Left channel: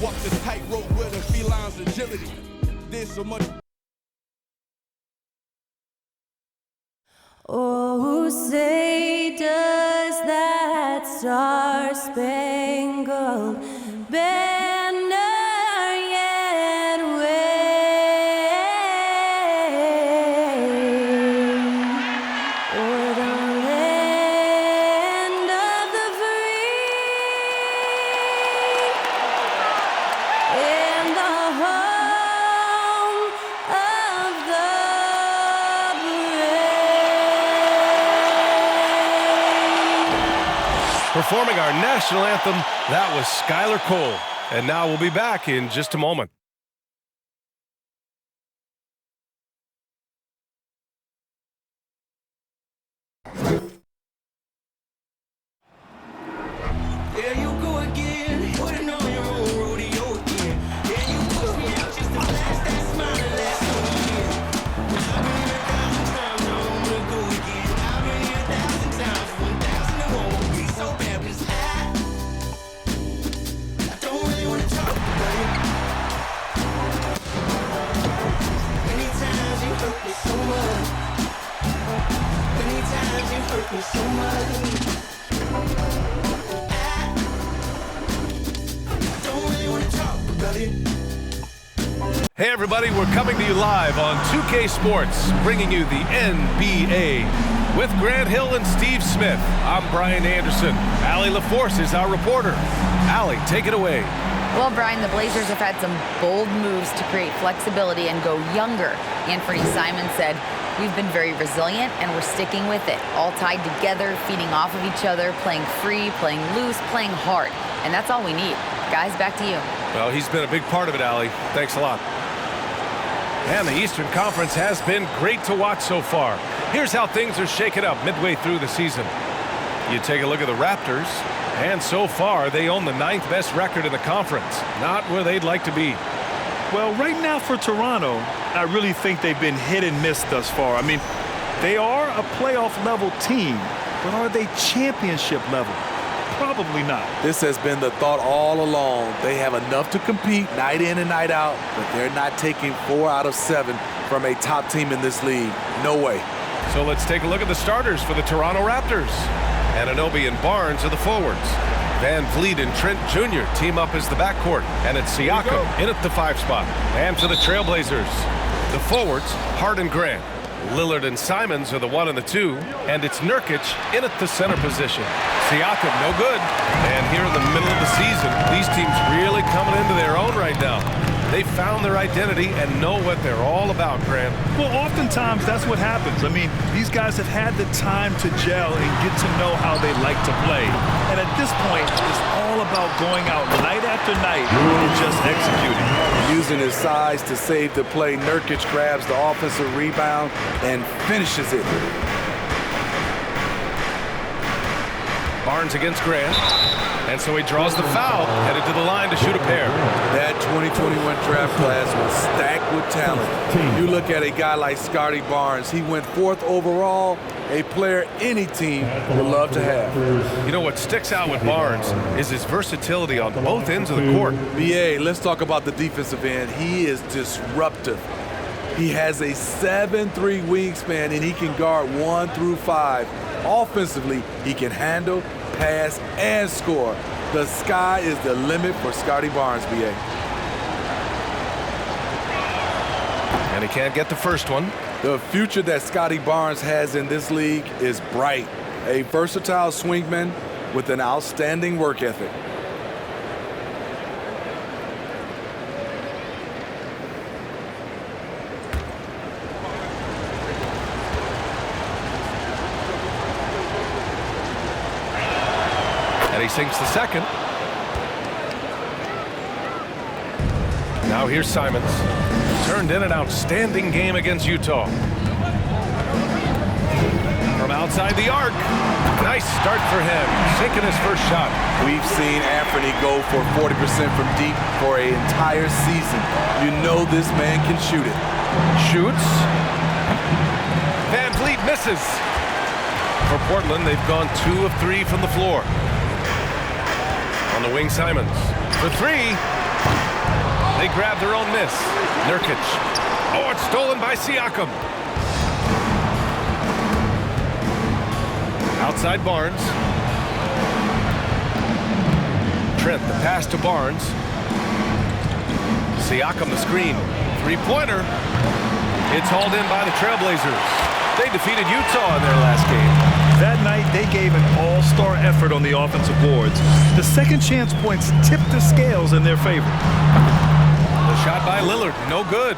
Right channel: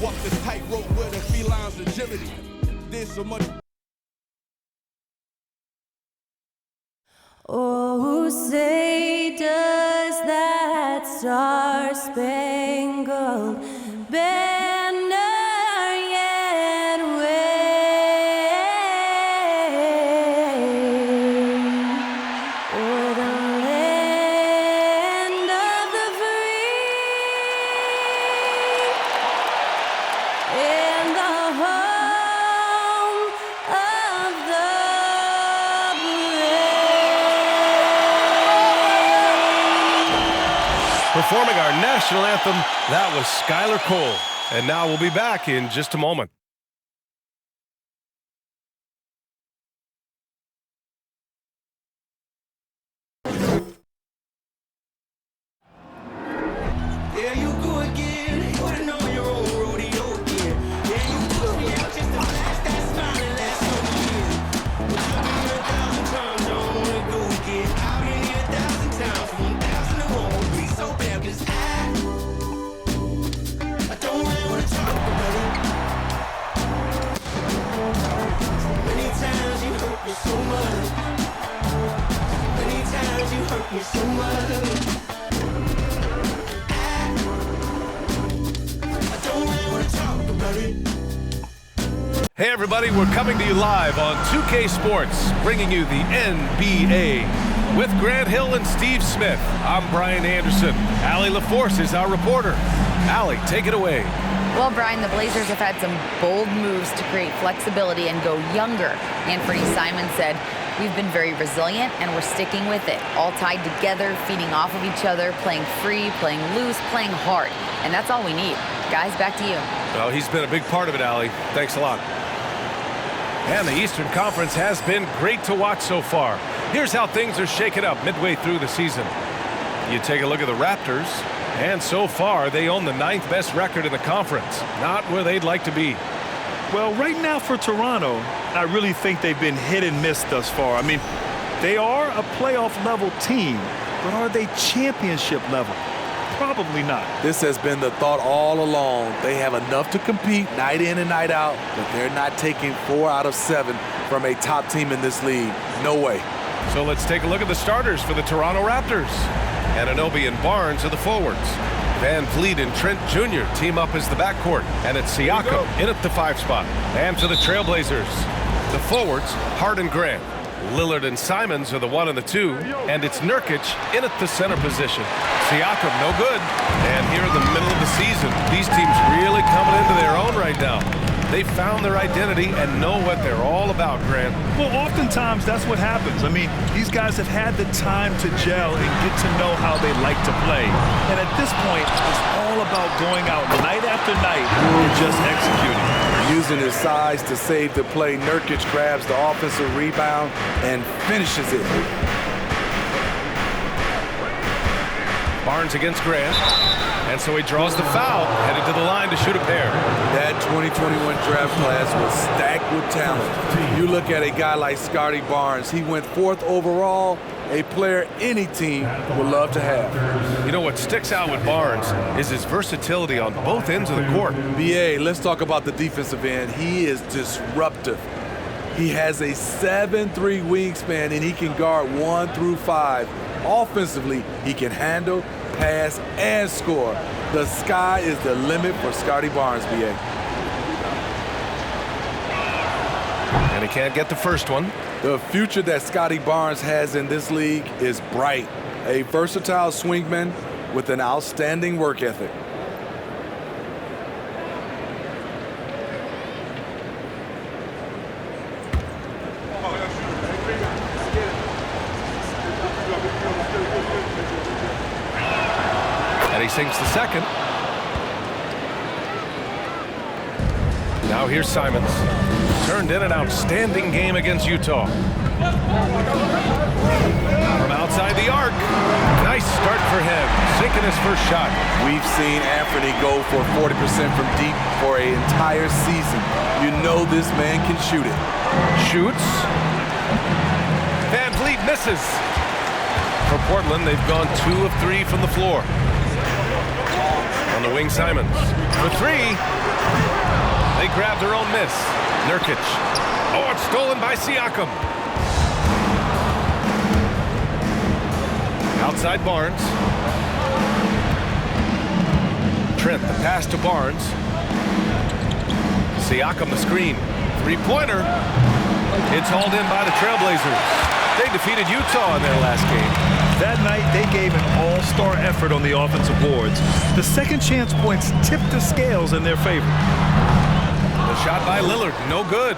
Walk the tightrope with a feline's agility. There's so much. Oh, say does that star-spangled banner yet wave o'er the land of the free and the home of the Performing our national anthem, that was Skylar Cole. And now we'll be back in just a moment. There you go again, putting on your own rodeo again. Yeah, you push me out just to flash that smile and last on the year. But I've been here 1,000 times, I don't wanna go again. I've been here 1,000 times, 1,001 won't be so bad, 'cause I don't really wanna talk about it. Many times you hurt me so much. Many times you hurt me so much. Hey everybody, we're coming to you live on 2K Sports, bringing you the NBA. With Grant Hill and Steve Smith, I'm Brian Anderson. Allie LaForce is our reporter. Allie, take it away. Well, Brian, the Blazers have had some bold moves to create flexibility and go younger. Anthony Simons said, "We've been very resilient and we're sticking with it. All tied together, feeding off of each other, playing free, playing loose, playing hard. And that's all we need." Guys, back to you. Well, he's been a big part of it, Allie. Thanks a lot. And the Eastern Conference has been great to watch so far. Here's how things are shaking up midway through the season. You take a look at the Raptors, and so far they own the 9th best record in the conference. Not where they'd like to be. Well, right now for Toronto, I really think they've been hit and miss thus far. I mean, they are a playoff-level team, but are they championship level? Probably not. This has been the thought all along. They have enough to compete night in and night out, but they're not taking 4 out of 7 from a top team in this league. No way. So let's take a look at the starters for the Toronto Raptors. Anunoby and Barnes are the forwards. Van Vliet and Trent Jr. team up as the backcourt. And it's Siakam in at the 5 spot. And for the Trailblazers, the forwards, Hart and Grant. Lillard and Simons are the 1 and the 2. And it's Nurkic in at the center position. Siakam, no good. And here in the middle of the season, these teams really coming into their own right now. They found their identity and know what they're all about, Grant. Well, oftentimes that's what happens. I mean, these guys have had the time to gel and get to know how they like to play. And at this point, it's all about going out night after night and just executing. Using his size to save the play, Nurkic grabs the offensive rebound and finishes it. Barnes against Grant. And so he draws the foul, headed to the line to shoot a pair. That 2021 draft class was stacked with talent. You look at a guy like Scotty Barnes, he went 4th overall, a player any team would love to have. You know what sticks out with Barnes is his versatility on both ends of the court. BA, let's talk about the defensive end. He is disruptive. He has a 7'3" wingspan and he can guard 1 through 5. Offensively, he can handle, pass, and score. The sky is the limit for Scotty Barnes, BA. And he can't get the first one. The future that Scotty Barnes has in this league is bright. A versatile swingman with an outstanding work ethic. And he sinks the second. Now here's Simons. Turned in an outstanding game against Utah. From outside the arc. Nice start for him, sinking his first shot. We've seen Anthony go for 40% from deep for an entire season. You know this man can shoot it. Shoots. Van Vliet misses. For Portland, they've gone 2 of 3 from the floor. On the wing, Simons. For 3. They grab their own miss. Nurkic. Oh, it's stolen by Siakam. Outside Barnes. Trent, the pass to Barnes. Siakam, the screen. Three-pointer. It's hauled in by the Trailblazers. They defeated Utah in their last game. That night, they gave an all-star effort on the offensive boards. The second chance points tipped the scales in their favor. The shot by Lillard, no good.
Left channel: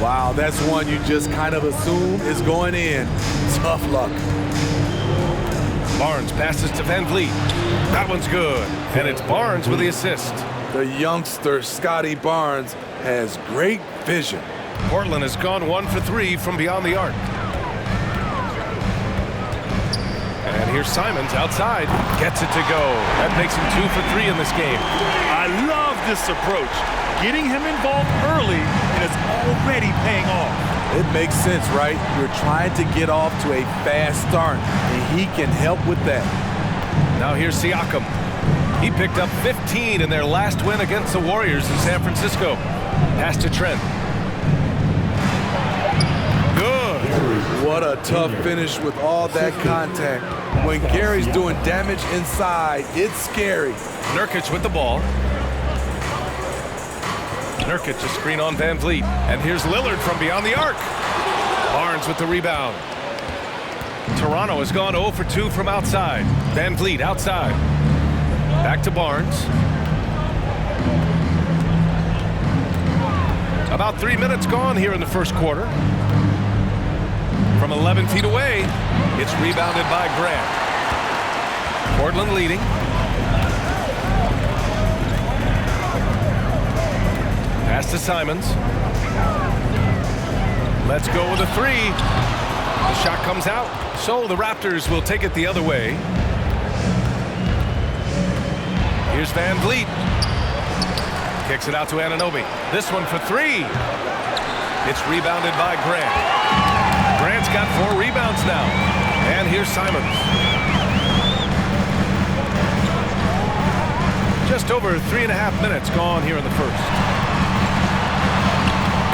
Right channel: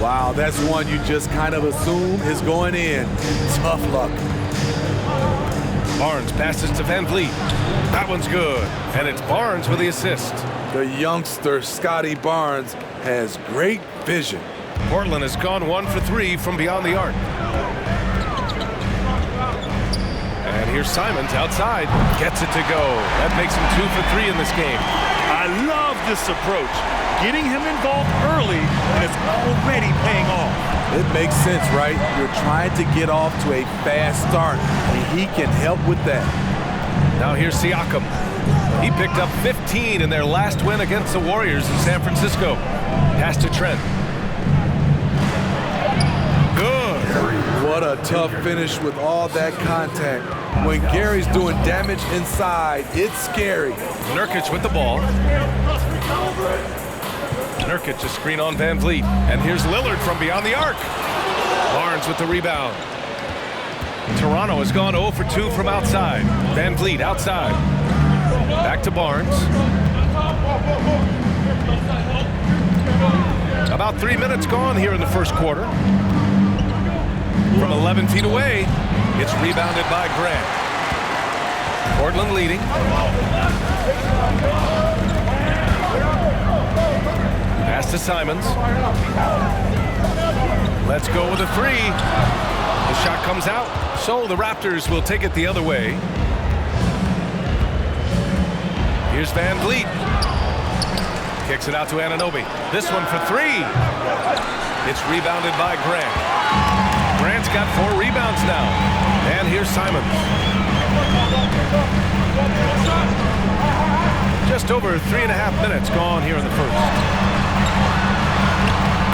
Wow, that's one you just kind of assume is going in. Tough luck. Barnes passes to Van Vliet. That one's good. And it's Barnes with the assist. The youngster, Scotty Barnes, has great vision. Portland has gone 1 for 3 from beyond the arc. And here's Simons outside. Gets it to go. That makes him 2 for 3 in this game. I love this approach. Getting him involved early, and it's already paying off. It makes sense, right? You're trying to get off to a fast start, and he can help with that. Now here's Siakam. He picked up 15 in their last win against the Warriors in San Francisco. Pass to Trent. Good. What a tough finish with all that contact. When Gary's doing damage inside, it's scary. Nurkic with the ball. Nurkic a screen on Van Vliet. And here's Lillard from beyond the arc. Barnes with the rebound. Toronto has gone 0 for 2 from outside. Van Vliet outside. Back to Barnes. About 3 minutes gone here in the first quarter. From 11 feet away, it's rebounded by Grant. Portland leading. Pass to Simons. Let's go with a 3. The shot comes out, so the Raptors will take it the other way. Here's Van Vliet. Kicks it out to Anunoby. This one for 3. It's rebounded by Grant. Grant's got 4 rebounds now. And here's Simons. Just over 3.5 minutes gone here in the first.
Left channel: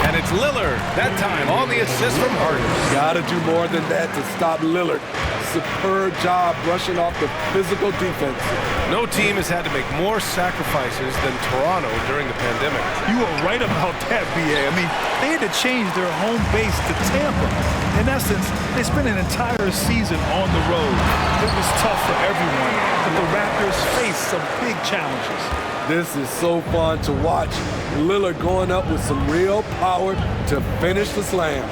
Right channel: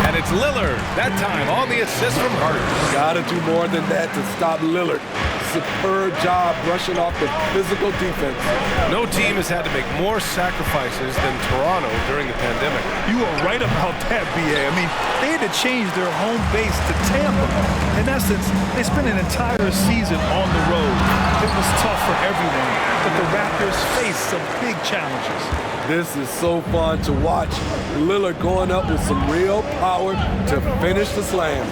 And it's Lillard, that time on the assist from Harden. Gotta do more than that to stop Lillard. Superb job brushing off the physical defense. No team has had to make more sacrifices than Toronto during the pandemic. You are right about that, B.A. I mean, they had to change their home base to Tampa. In essence, they spent an entire season on the road. It was tough for everyone, but the Raptors faced some big challenges. This is so fun to watch. Lillard going up with some real power to finish the slam.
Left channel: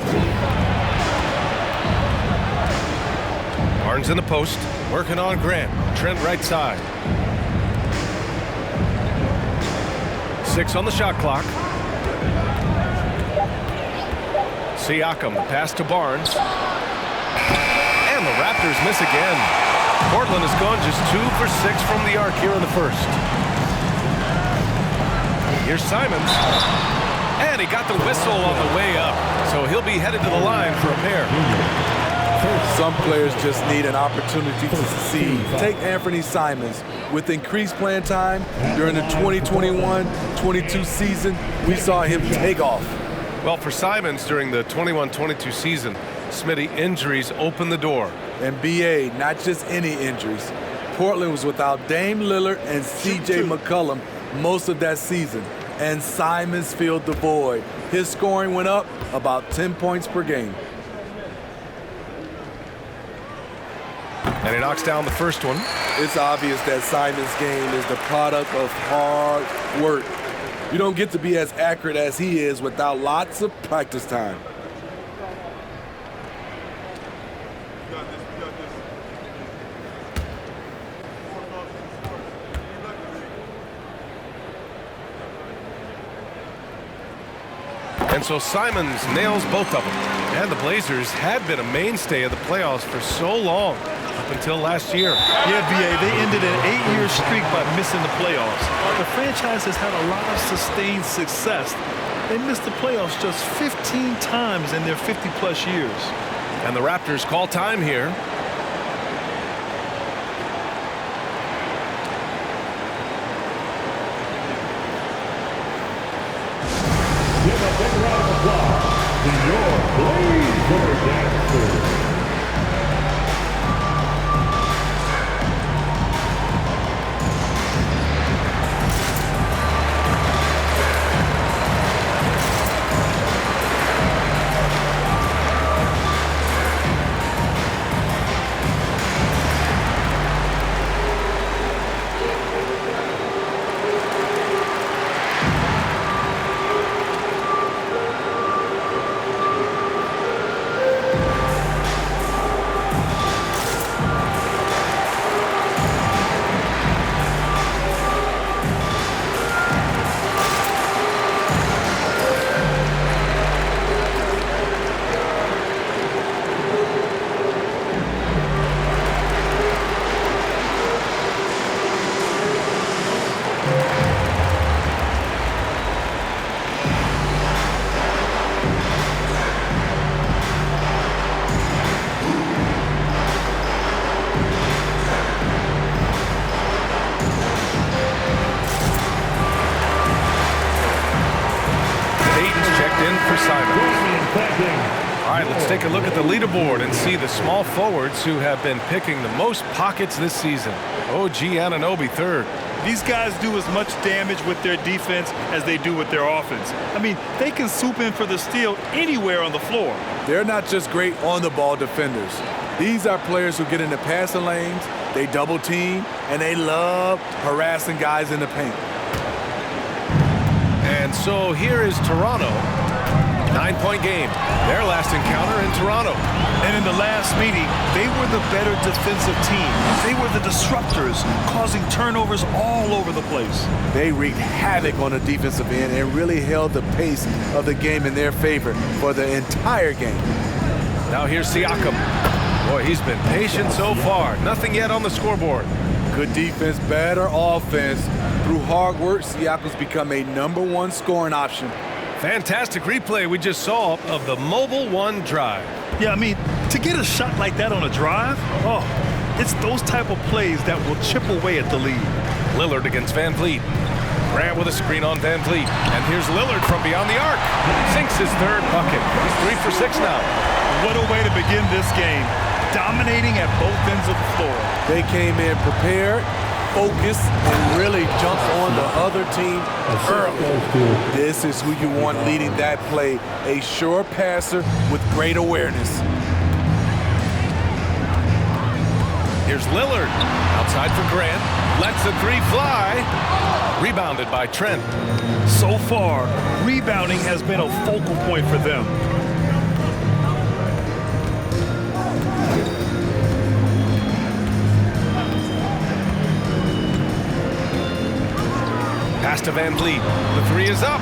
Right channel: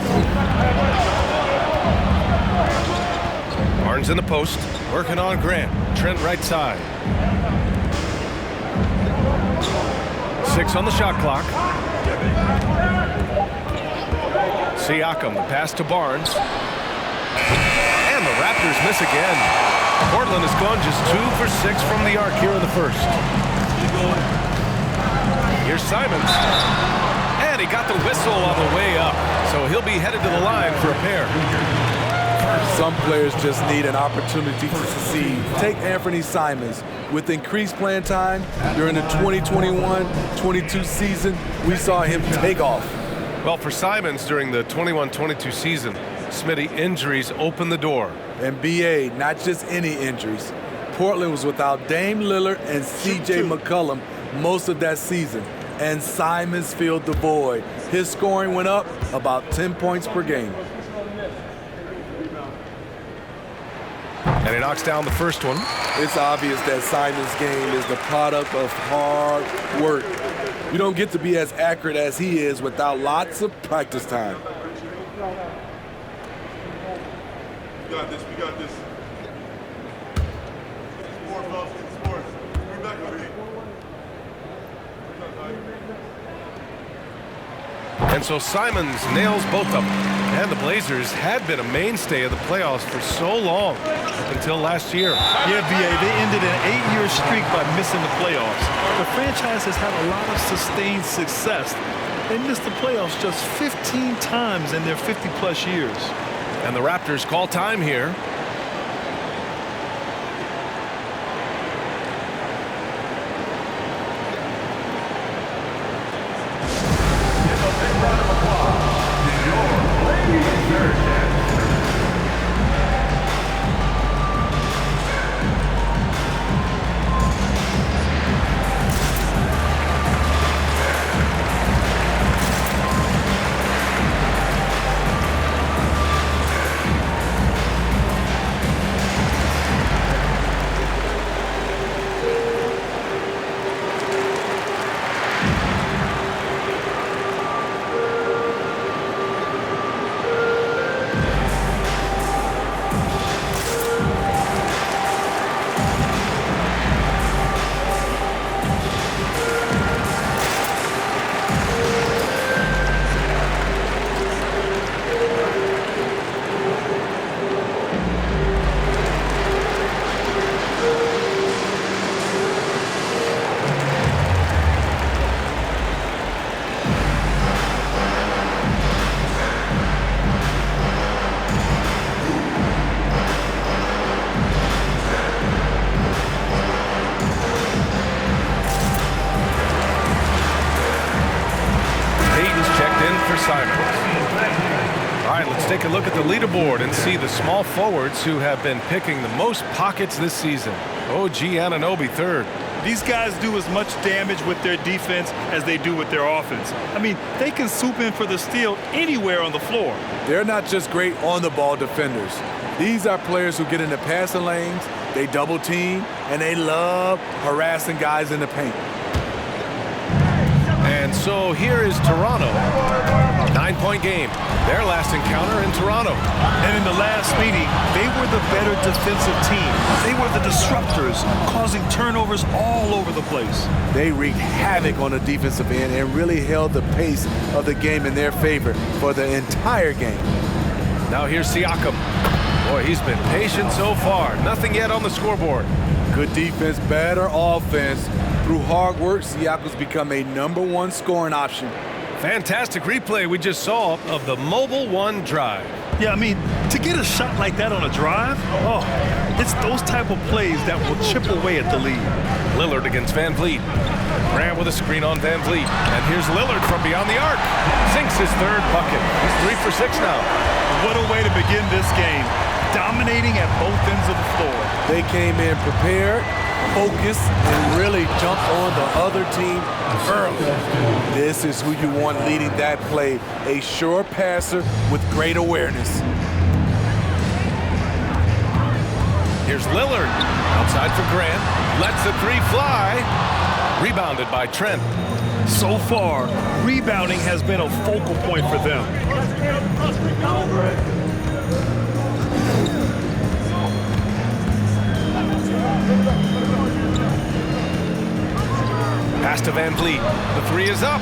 Barnes in the post, working on Grant. Trent right side. 6 on the shot clock. Siakam, the pass to Barnes. And the Raptors miss again. Portland has gone just 2 for 6 from the arc here in the first. Here's Simons. And he got the whistle on the way up. So he'll be headed to the line for a pair. Some players just need an opportunity to succeed. Take Anthony Simons. With increased playing time during the 2021-22 season, we saw him take off. Well, for Simons during the 21-22 season, Smitty, injuries opened the door. And BA, not just any injuries. Portland was without Dame Lillard and CJ McCollum most of that season. And Simons filled the void. His scoring went up about 10 points per game. And he knocks down the first one. It's obvious that Simons' game is the product of hard work. You don't get to be as accurate as he is without lots of practice time. We got this, we got this. More folks in sports. Bring back the league. And so Simons nails both of them. And the Blazers had been a mainstay of the playoffs for so long, up until last year. Yeah, B.A., they ended an 8-year streak by missing the playoffs. The franchise has had a lot of sustained success. They missed the playoffs just 15 times in their 50-plus years. And the Raptors call time here. a big round of applause to your Blazer dancers. Payton's checked in for Simon. All right, let's take a look at the leaderboard and see the small forwards who have been picking the most pockets this season. OG Anunoby third. These guys do as much damage with their defense as they do with their offense. I mean, they can swoop in for the steal anywhere on the floor. They're not just great on-the-ball defenders. These are players who get in the passing lanes, they double team, and they love harassing guys in the paint. And so here is Toronto. 9-point game. Their last encounter in Toronto. And in the last meeting, they were the better defensive team. They were the disruptors, causing turnovers all over the place. They wreaked havoc on the defensive end and really held the pace of the game in their favor for the entire game. Now here's Siakam. Boy, he's been patient so far. Nothing yet on the scoreboard. Good defense, better offense. Through hard work, Siakam's become a #1 scoring option. Fantastic replay we just saw of the Mobile One drive. Yeah, I mean, to get a shot like that on a drive, it's those type of plays that will chip away at the lead. Lillard against Van Vliet. Grant with a screen on Van Vliet. And here's Lillard from beyond the arc. Sinks his third bucket. He's 3 for 6 now. What a way to begin this game. Dominating at both ends of the floor. They came in prepared, focused, and really jumped on the other team early. This is who you want leading that play, a sure passer with great awareness. Here's Lillard. Outside for Grant. Lets the three fly. Rebounded by Trent. So far, rebounding has been a focal point for them. Pass to Van Vliet. The three is up.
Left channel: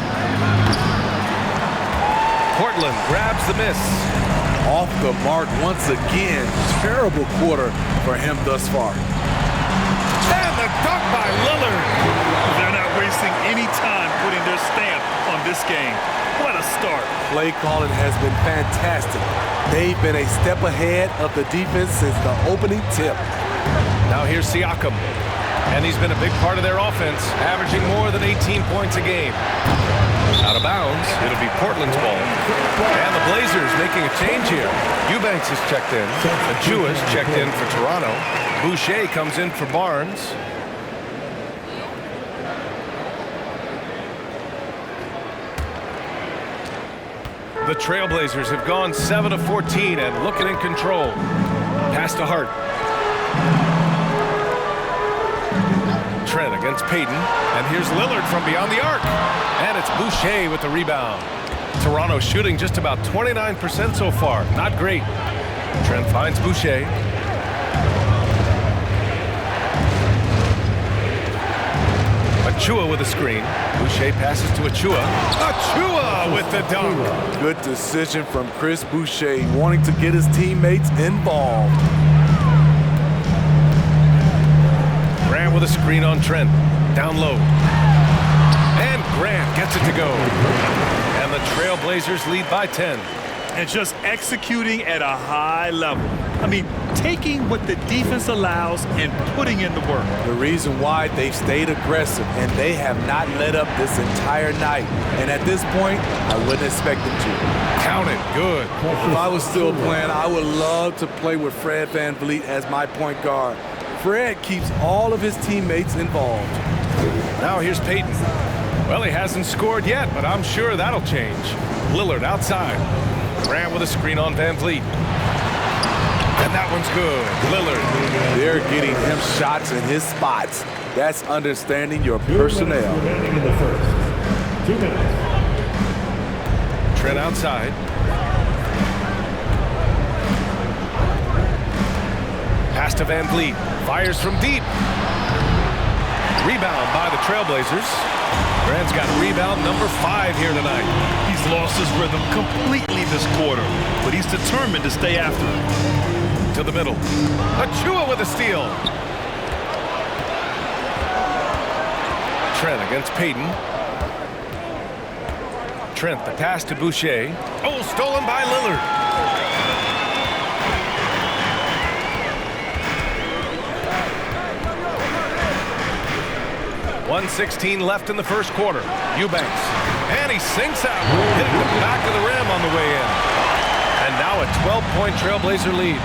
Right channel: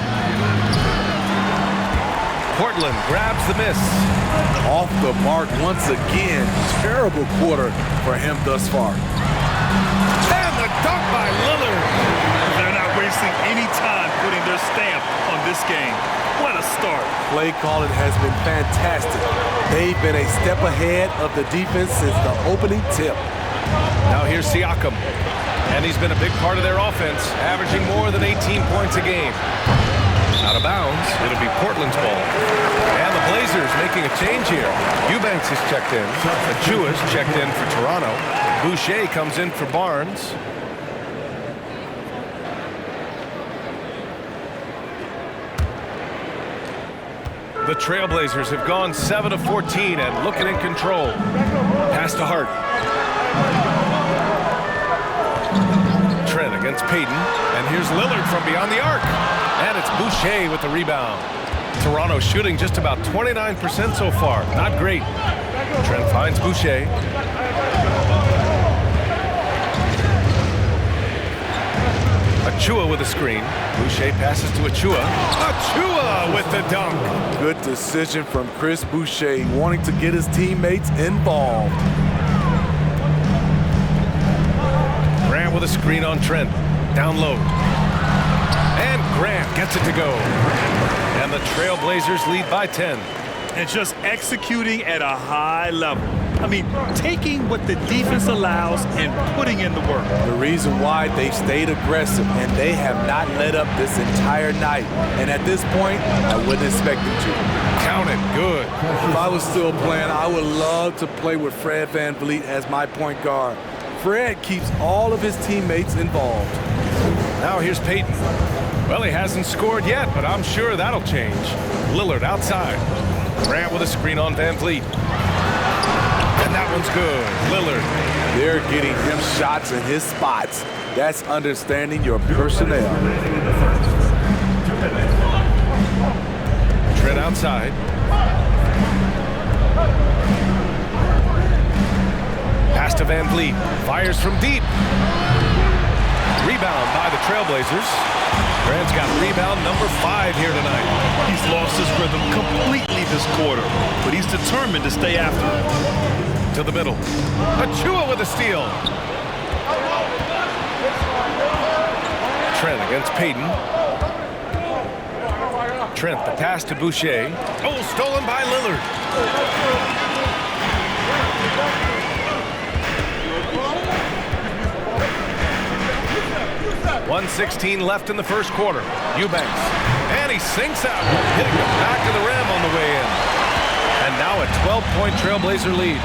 Portland grabs the miss. Off the mark once again. Terrible quarter for him thus far. And the dunk by Lillard. They're not wasting any time putting their stamp on this game. What a start. Play calling has been fantastic. They've been a step ahead of the defense since the opening tip. Now here's Siakam. And he's been a big part of their offense, averaging more than 18 points a game. Out of bounds, it'll be Portland's ball. And the Blazers making a change here. Eubanks is checked in. Ajua's checked in for Toronto. Boucher comes in for Barnes. The Trailblazers have gone 7 of 14 and looking in control. Pass to Hart. Trent against Payton. And here's Lillard from beyond the arc. And it's Boucher with the rebound. Toronto shooting just about 29% so far. Not great. Trent finds Boucher. Achua with a screen. Boucher passes to Achua. Achua with the dunk. Good decision from Chris Boucher, wanting to get his teammates involved. Grant with a screen on Trent. Down low. And Grant gets it to go. And the Trailblazers lead by 10. And just executing at a high level. I mean, taking what the defense allows and putting in the work. The reason why they've stayed aggressive and they have not let up this entire night. And at this point, I wouldn't expect them to. Count it. Good. If I was still playing, I would love to play with Fred VanVleet as my point guard. Fred keeps all of his teammates involved. Now here's Peyton. Well, he hasn't scored yet, but I'm sure that'll change. Lillard outside. Grant with a screen on VanVleet. And that one's good. Lillard. They're getting him shots in his spots. That's understanding your personnel. Trent outside. Pass to VanVleet. Fires from deep. Rebound by the Trailblazers. Grant's got rebound number 5 here tonight. He's lost his rhythm completely this quarter, but he's determined to stay after it. To the middle. Achua with a steal. Trent against Peyton. Trent, the pass to Boucher. Oh, stolen by Lillard. 1:16 left in the first quarter. Eubanks. And he sinks that one, hitting the back of the rim on the way in. And now a 12-point Trailblazer lead.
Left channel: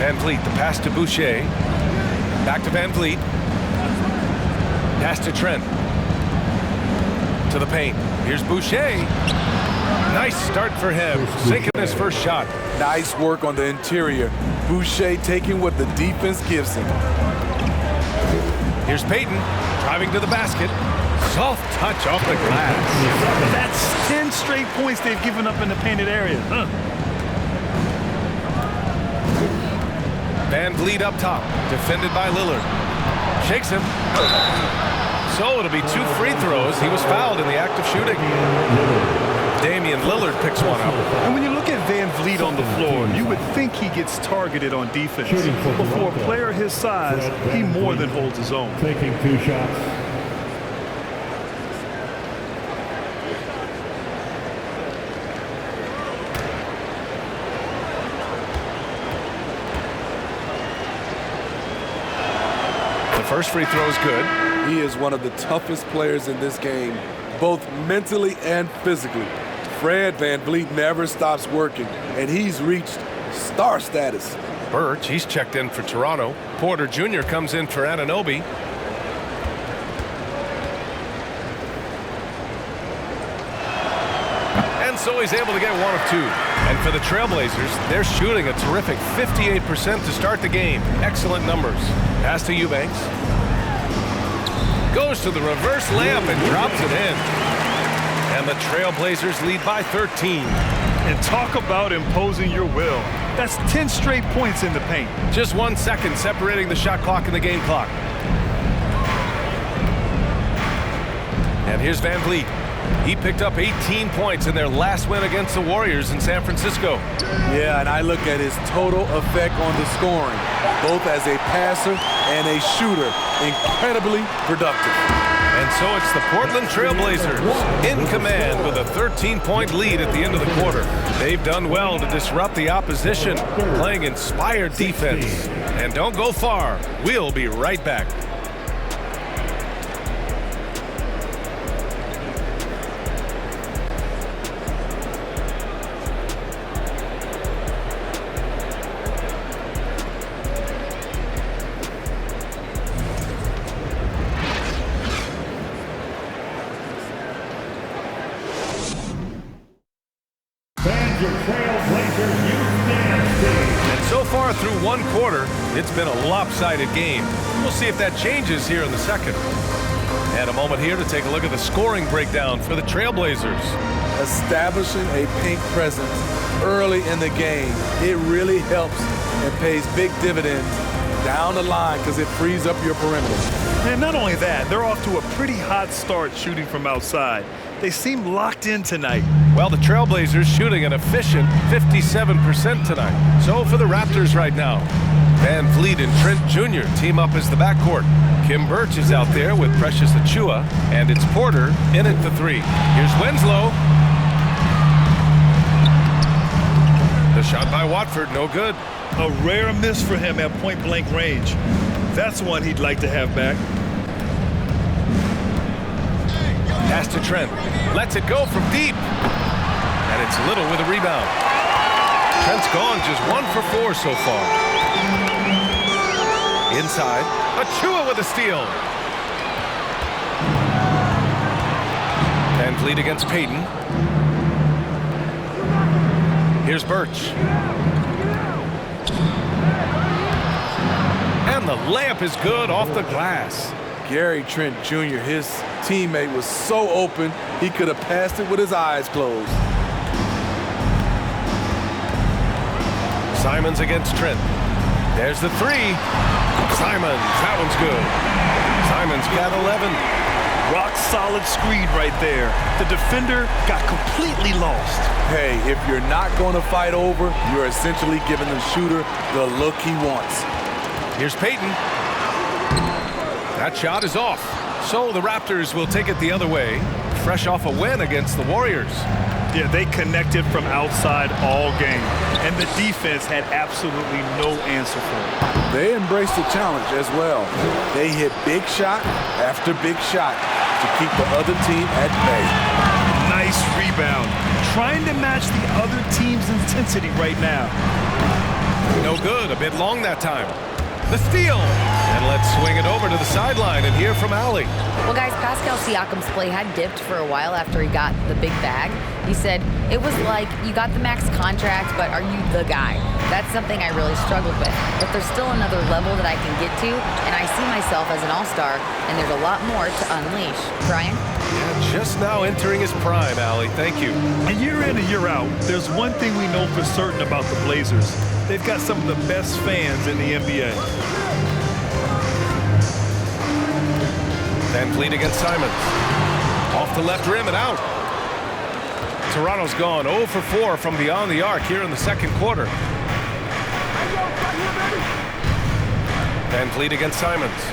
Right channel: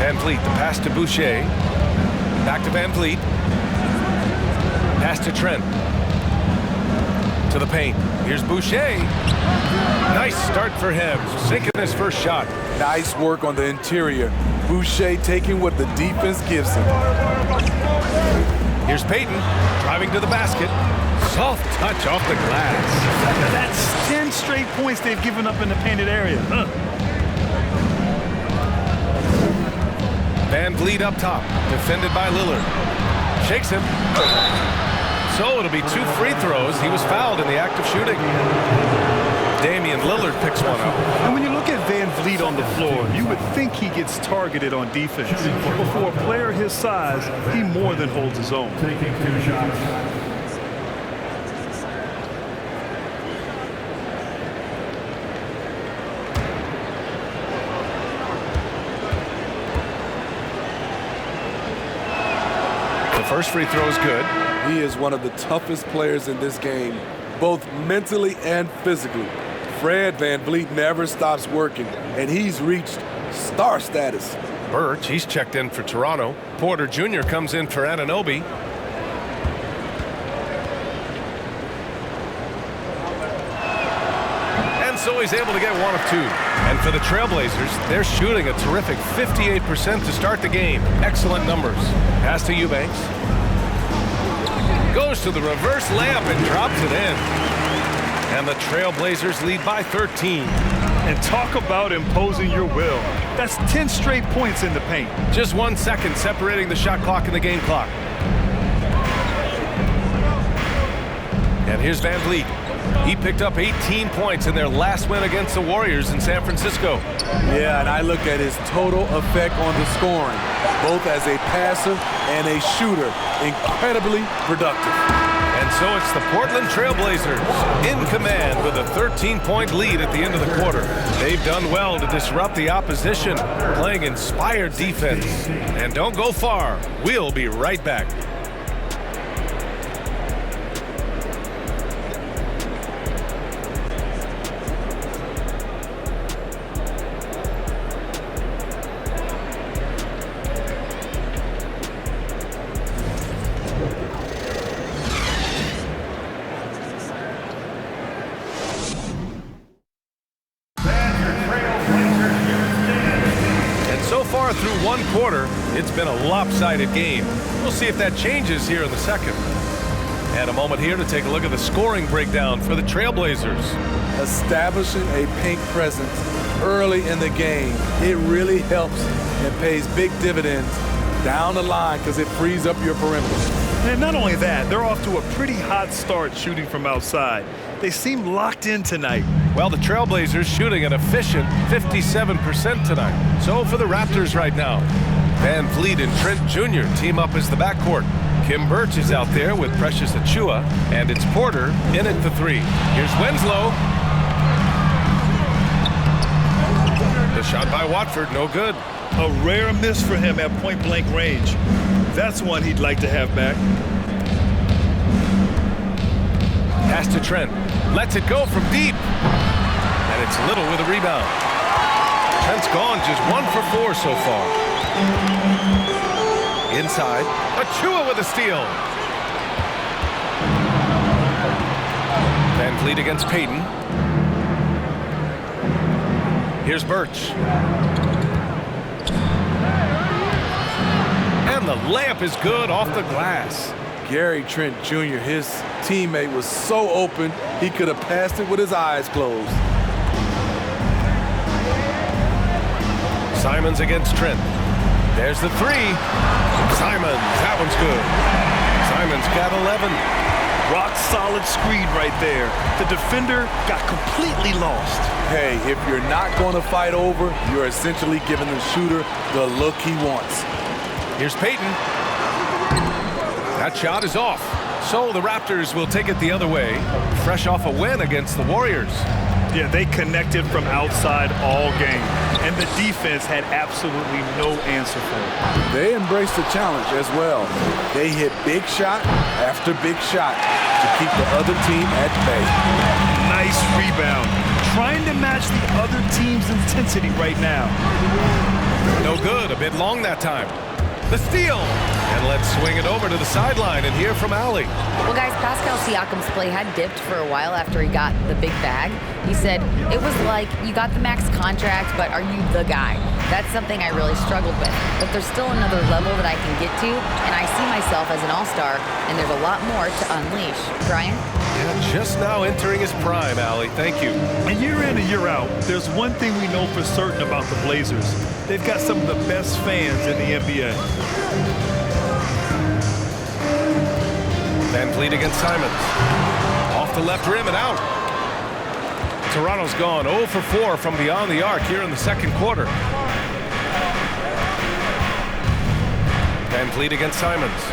VanVleet, the pass to Boucher. Back to VanVleet. Pass to Trent. To the paint. Here's Boucher. Nice start for him, sinking his first shot. Nice work on the interior. Boucher taking what the defense gives him. Here's Peyton, driving to the basket. Soft touch off the glass. That's 10 straight points they've given up in the painted area. VanVleet up top, defended by Lillard. Shakes him. So it'll be 2 free throws. He was fouled in the act of shooting. Damian Lillard picks one up. And when you look at VanVleet on the floor, you would think he gets targeted on defense. But for a player his size, he more than holds his own. Taking 2 shots. The first free throw is good. He is one of the toughest players in this game, both mentally and physically. Fred VanVleet never stops working, and he's reached star status. Birch, he's checked in for Toronto. Porter Jr. comes in for Anunoby. And so he's able to get 1 of 2. And for the Trailblazers, they're shooting a terrific 58% to start the game. Excellent numbers. Pass to Eubanks. Goes to the reverse layup and drops it in. And the Trailblazers lead by 13. And talk about imposing your will. That's 10 straight points in the paint. Just 1 second separating the shot clock and the game clock. And here's VanVleet. He picked up 18 points in their last win against the Warriors in San Francisco. Yeah, and I look at his total effect on the scoring, both as a passer and a shooter. Incredibly productive. And so it's the Portland Trailblazers in command with a 13-point lead at the end of the quarter. They've done well to disrupt the opposition, playing inspired defense. And don't go far. We'll be right back. So far through 1 quarter, it's been a lopsided game. We'll see if that changes here in the second. And a moment here to take a look at the scoring breakdown for the Trailblazers. Establishing a paint presence early in the game, it really helps and pays big dividends down the line because it frees up your perimeter. And not only that, they're off to a pretty hot start shooting from outside. They seem locked in tonight. Well, the Trailblazers shooting an efficient 57% tonight. So for the Raptors right now, VanVleet and Trent Jr. team up as the backcourt. Kim Birch is out there with Precious Achua, and it's Porter in at the 3. Here's Winslow. The shot by Watford, no good. A rare miss for him at point-blank range. That's one he'd like to have back. Pass to Trent. Lets it go from deep. And it's Little with a rebound. Trent's gone just 1 for 4 so far. Inside, Achua with a steal. Van Vliet against Payton. Here's Birch. And the layup is good off the glass. Gary Trent Jr., his teammate, was so open, he could have passed it with his eyes closed. Simons against Trent. There's the 3. Simons, that one's good. Simons got 11. Rock solid screen right there. The defender got completely lost. Hey, if you're not going to fight over, you're essentially giving the shooter the look he wants. Here's Payton. That shot is off. So the Raptors will take it the other way, fresh off a win against the Warriors. Yeah, they connected from outside all game, and the defense had absolutely no answer for it. They embraced the challenge as well. They hit big shot after big shot to keep the other team at bay. Nice rebound. Trying to match the other team's intensity right now. No good, a bit long that time. The steal. And let's swing it over to the sideline and hear from Allie. Well, guys, Pascal Siakam's play had dipped for a while after he got the big bag. He said, it was like, you got the max contract, but are you the guy? That's something I really struggled with. But there's still another level that I can get to, and I see myself as an all-star, and there's a lot more to unleash. Brian? Yeah, just now entering his prime, Allie. Thank you. And year in and year out, there's one thing we know for certain about the Blazers. They've got some of the best fans in the NBA. Van Vliet against Simons. Off the left rim and out. Toronto's gone 0 for 4 from beyond the arc here in the second quarter. Van Vliet against Simons.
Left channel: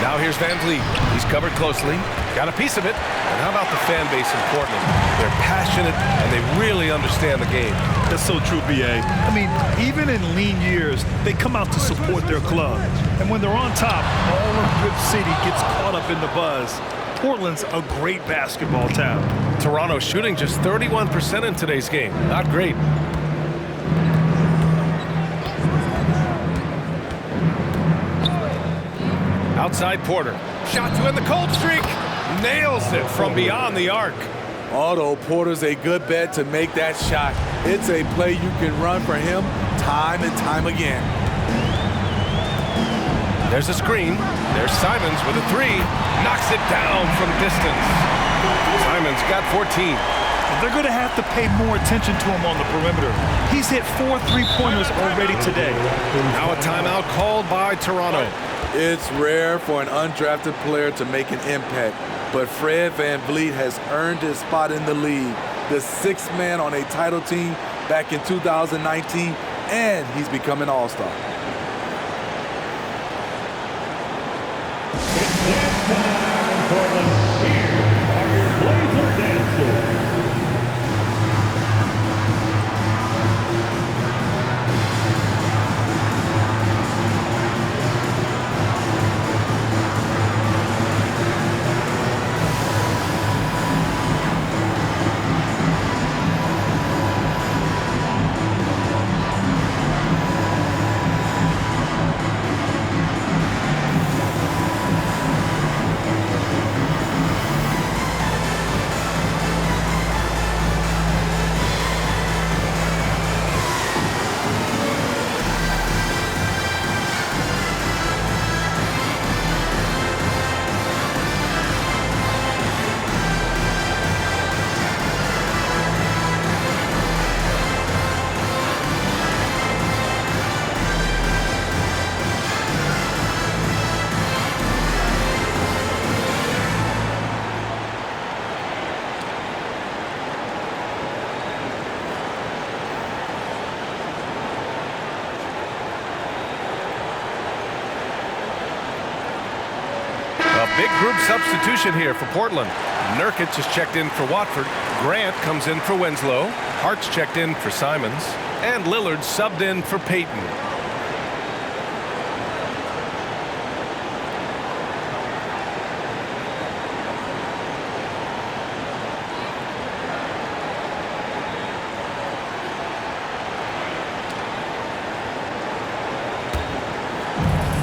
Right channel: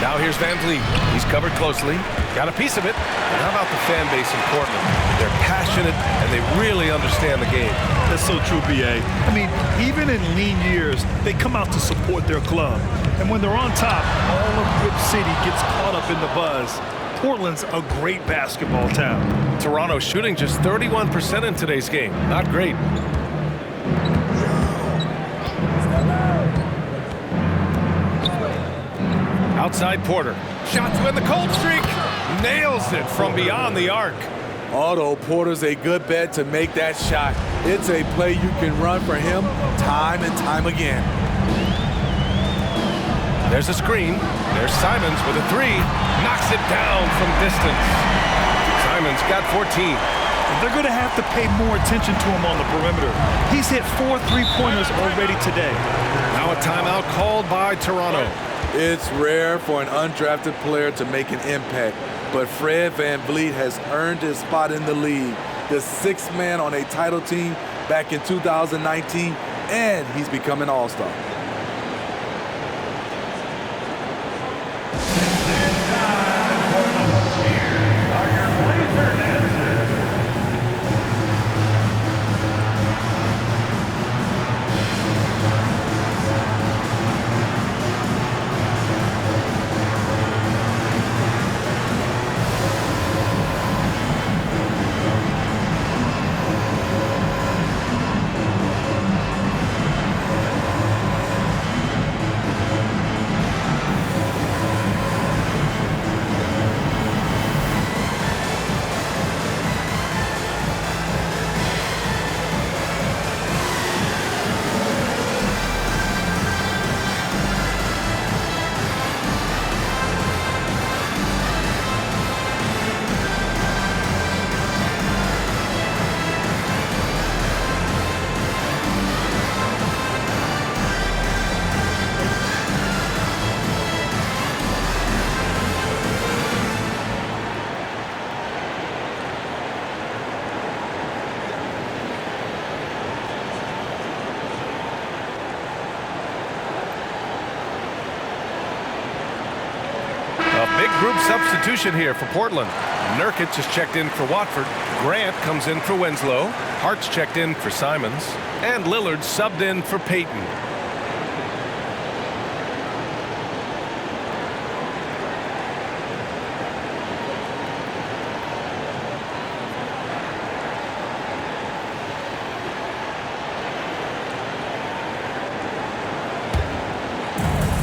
Now here's Van Vliet. He's covered closely. Got a piece of it. And how about the fan base in Portland? They're passionate and they really understand the game. That's so true, B.A. I mean, even in lean years, they come out to support their club. And when they're on top, all of Rip City gets caught up in the buzz. Portland's a great basketball town. Toronto shooting just 31% in today's game. Not great. Outside Porter. Shot to end the cold streak. Nails it from beyond the arc. Otto Porter's a good bet to make that shot. It's a play you can run for him time and time again. There's a screen. There's Simons with a 3. Knocks it down from distance. Simons got 14. They're going to have to pay more attention to him on the perimeter. He's hit 4 3-pointers already today. Now a timeout called by Toronto. It's rare for an undrafted player to make an impact, but Fred Van Vliet has earned his spot in the league. The 6th man on a title team back in 2019, and he's become an all-star. It's time in Portland. Here are your Blazer dancers. A big group substitution here for Portland. Nurkic is checked in for Watford. Grant comes in for Winslow. Hart's checked in for Simons. And Lillard subbed in for Payton.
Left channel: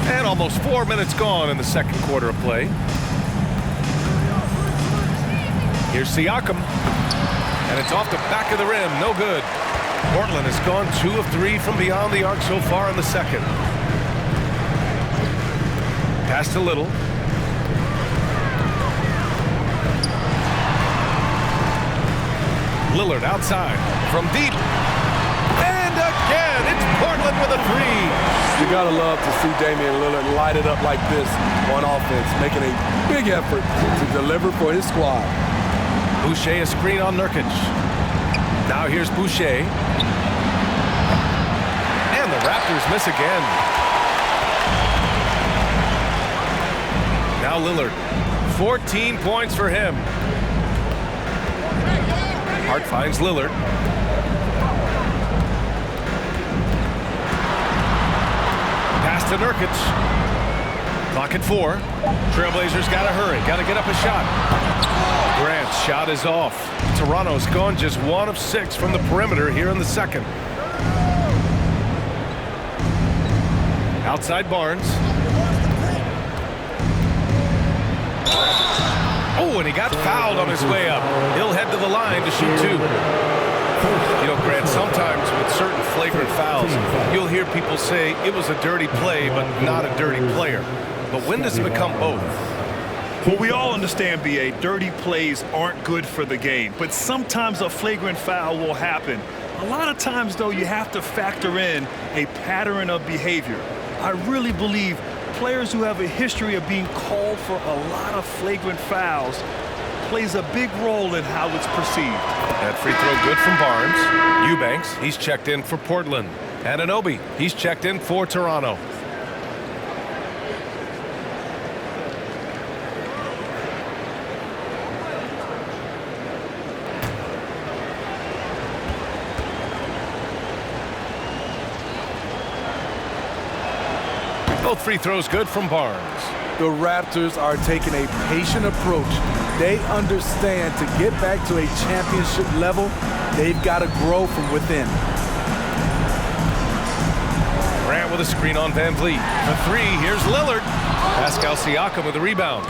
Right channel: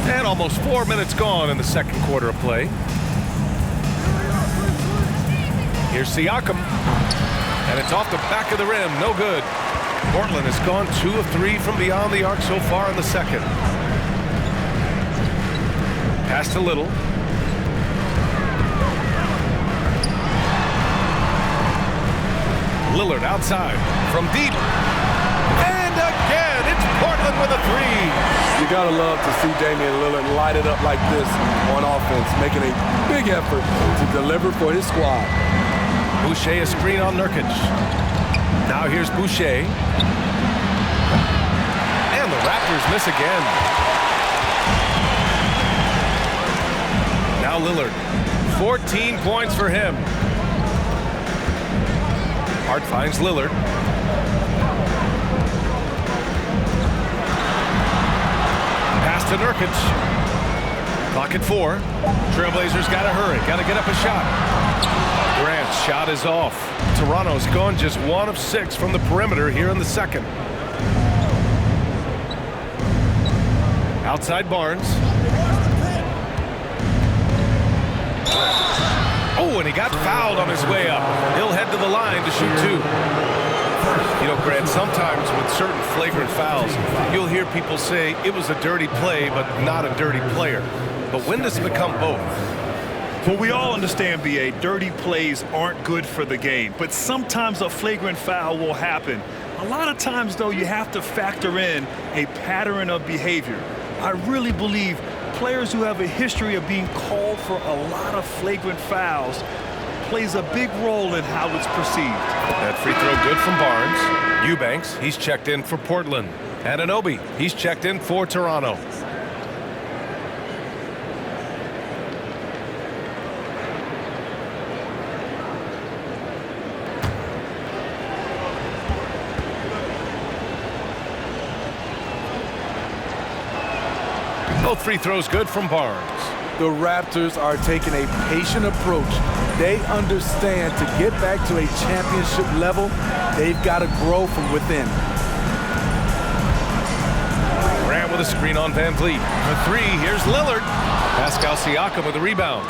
And almost 4 minutes gone in the second quarter of play. Here's Siakam. And it's off the back of the rim. No good. Portland has gone 2 of 3 from beyond the arc so far in the second. Pass to Little. Lillard outside from deep. And again, it's Portland with a 3. You gotta love to see Damian Lillard light it up like this on offense, making a big effort to deliver for his squad. Boucher a screen on Nurkic. Now here's Boucher. And the Raptors miss again. Now Lillard. 14 points for him. Hart finds Lillard. Pass to Nurkic. Clock at 4. Trailblazers got to hurry. Got to get up a shot. Grant's shot is off. Toronto's gone just 1 of 6 from the perimeter here in the second. Outside Barnes. Oh, and he got fouled on his way up. He'll head to the line to shoot 2. You know, Grant, sometimes with certain flagrant fouls, you'll hear people say it was a dirty play, but not a dirty player. But when does it become both? Well, we all understand, B.A., dirty plays aren't good for the game, but sometimes a flagrant foul will happen. A lot of times, though, you have to factor in a pattern of behavior. I really believe players who have a history of being called for a lot of flagrant fouls plays a big role in how it's perceived. That free throw good from Barnes. Eubanks, he's checked in for Portland. Anunoby, he's checked in for Toronto. Both free throws good from Barnes. The Raptors are taking a patient approach. They understand to get back to a championship level, they've got to grow from within. Grant with a screen on Van Vliet. For 3, here's Lillard. Pascal Siakam with the rebound.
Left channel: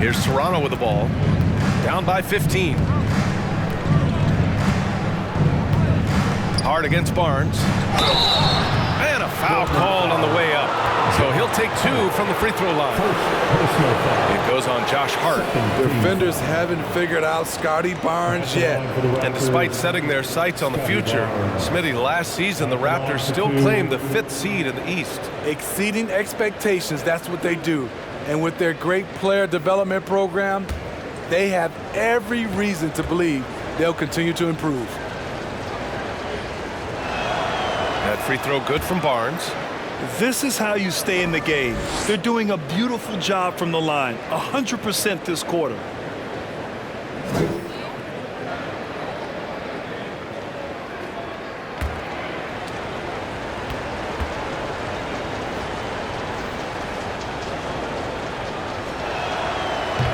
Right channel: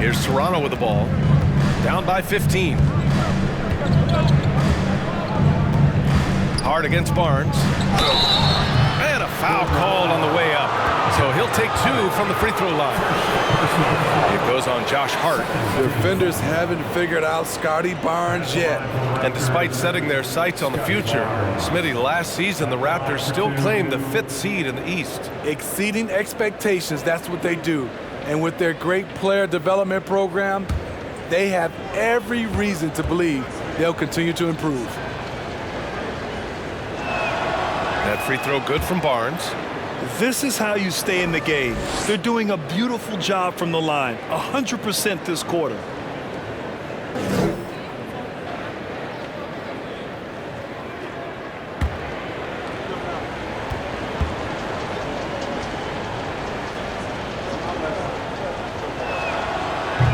Here's Toronto with the ball. Down by 15. Hard against Barnes. And a foul called on the way up. So he'll take 2 from the free throw line. It goes on Josh Hart. Defenders haven't figured out Scotty Barnes yet. And despite setting their sights on the future, Smitty, last season the Raptors still claimed the 5th seed in the East. Exceeding expectations, that's what they do. And with their great player development program, they have every reason to believe they'll continue to improve. That free throw good from Barnes. This is how you stay in the game. They're doing a beautiful job from the line, 100% this quarter.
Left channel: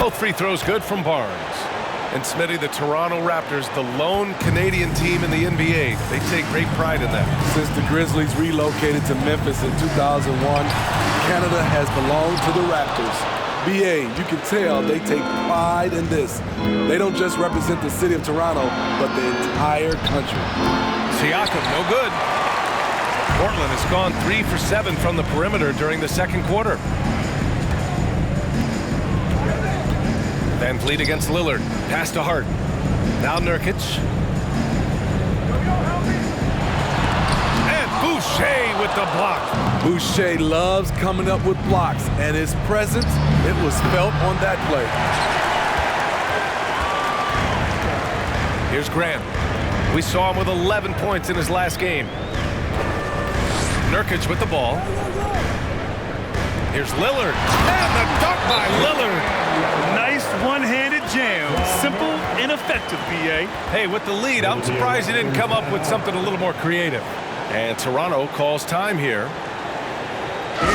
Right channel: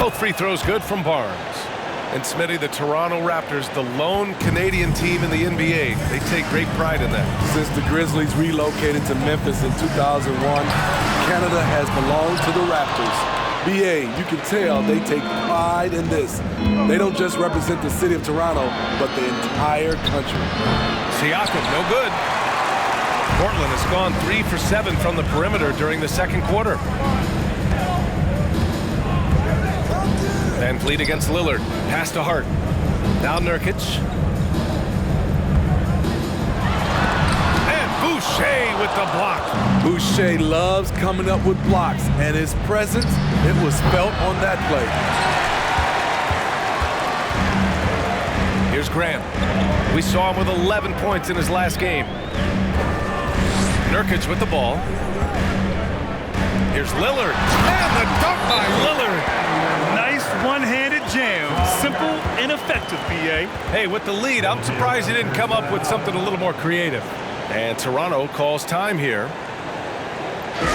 Both free throws good from Barnes. And Smitty, the Toronto Raptors, the lone Canadian team in the NBA. They take great pride in that. Since the Grizzlies relocated to Memphis in 2001, Canada has belonged to the Raptors. BA, you can tell they take pride in this. They don't just represent the city of Toronto, but the entire country. Siakam, no good. Portland has gone 3 for 7 from the perimeter during the second quarter. Van Vliet against Lillard. Pass to Hart. Now Nurkic. And Boucher with the block. Boucher loves coming up with blocks, and his presence, it was felt on that play. Here's Grant. We saw him with 11 points in his last game. Nurkic with the ball. Here's Lillard. And the dunk by Lillard. Nice Nice one-handed jam. Simple and effective, B.A. Hey, with the lead, I'm surprised he didn't come up with something a little more creative. And Toronto calls time here. Here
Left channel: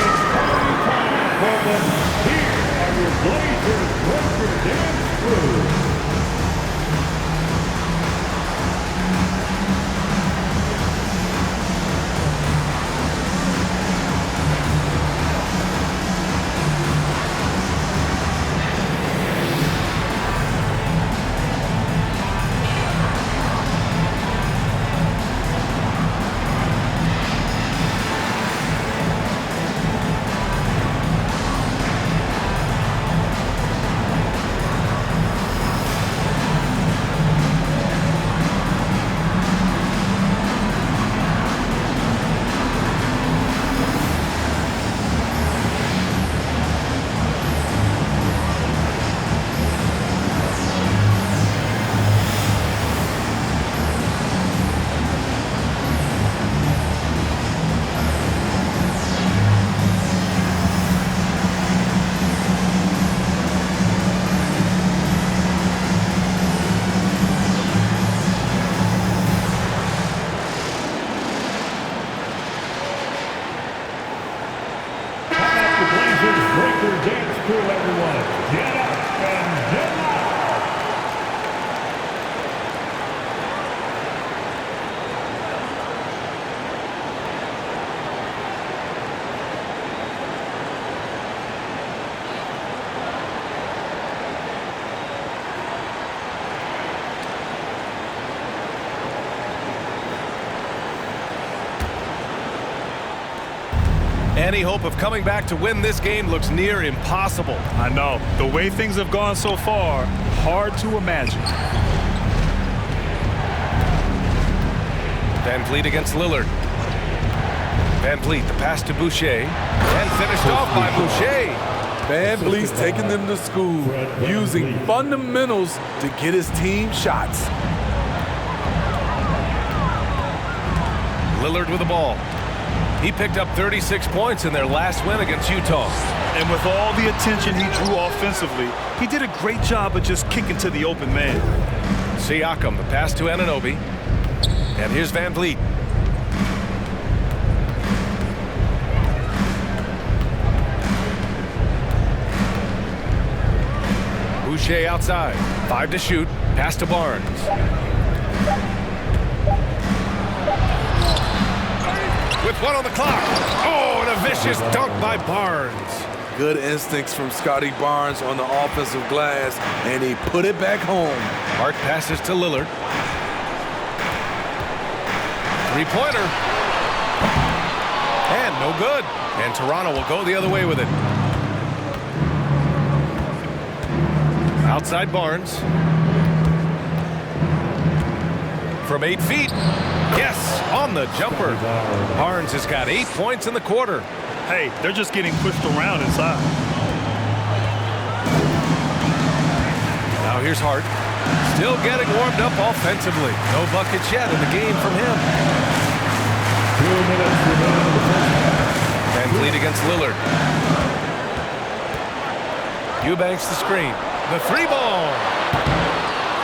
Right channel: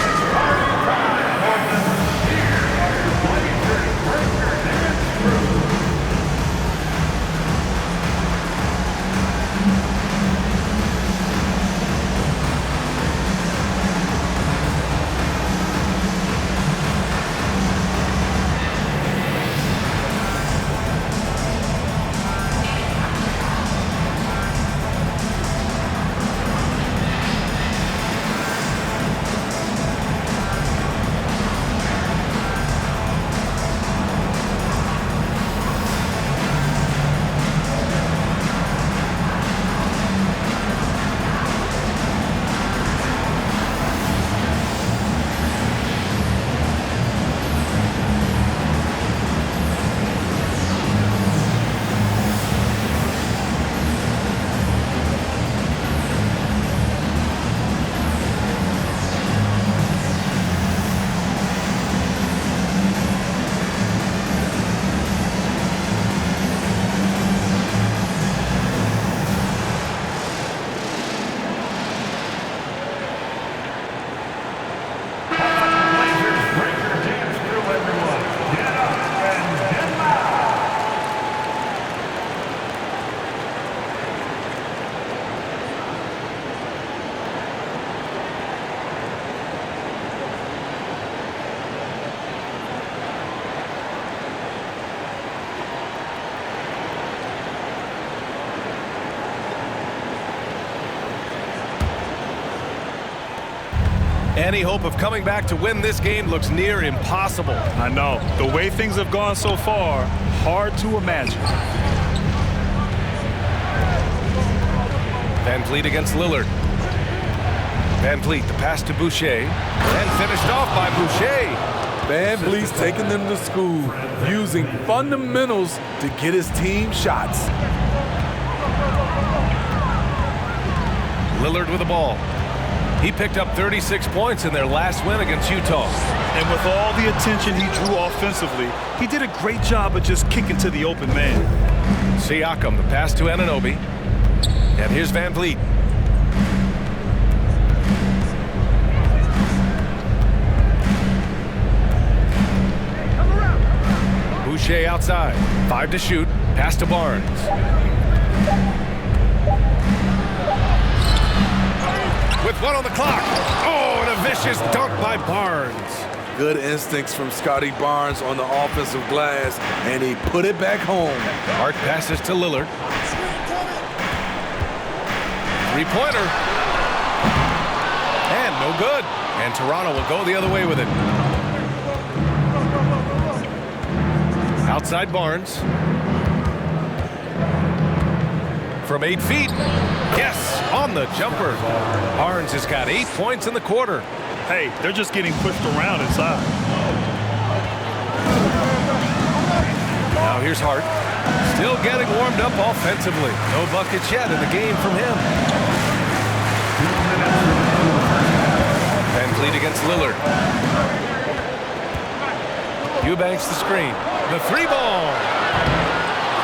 are your Blazers breaker dance crew. Breaker dance crew, everyone. Get up and get loud. Any hope of coming back to win this game looks near impossible. I know. The way things have gone so far, hard to imagine. Van Vliet against Lillard. Van Vliet, the pass to Boucher, and finished off by Boucher. Van Vliet's taking them to school, using fundamentals to get his team shots. Lillard with the ball. He picked up 36 points in their last win against Utah. And with all the attention he drew offensively, he did a great job of just kicking to the open man. Siakam, the pass to Anunoby. And here's Van Vliet. Boucher outside. 5 to shoot. Pass to Barnes. With 1 on the clock. Oh, and a vicious dunk by Barnes. Good instincts from Scotty Barnes on the offensive glass, and he put it back home. Hart passes to Lillard. Three-pointer. And no good. And Toronto will go the other way with it. Outside Barnes. From 8 feet. Yes, on the jumper. Barnes has got 8 points in the quarter. Hey, they're just getting pushed around inside. Now here's Hart. Still getting warmed up offensively. No buckets yet in the game from him. 2 minutes remaining in the first half. Van Vliet against Lillard. Eubanks the screen. The 3-ball.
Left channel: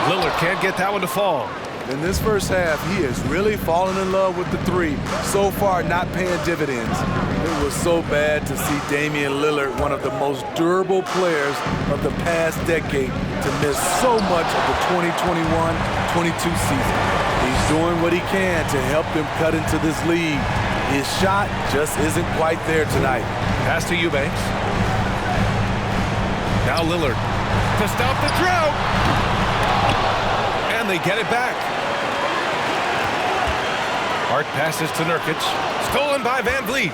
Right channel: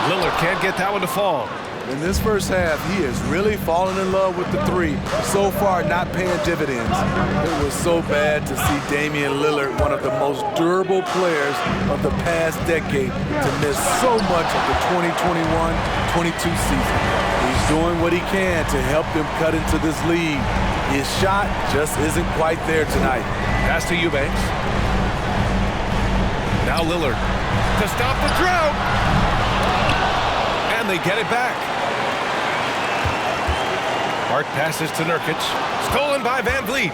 Lillard can't get that one to fall. In this first half, he has really fallen in love with the 3. So far, not paying dividends. It was so bad to see Damian Lillard, one of the most durable players of the past decade, to miss so much of the 2021-22 season. He's doing what he can to help them cut into this lead. His shot just isn't quite there tonight. Pass to Eubanks. Now Lillard to stop the drought. And they get it back. Hart passes to Nurkic. Stolen by Van Vliet.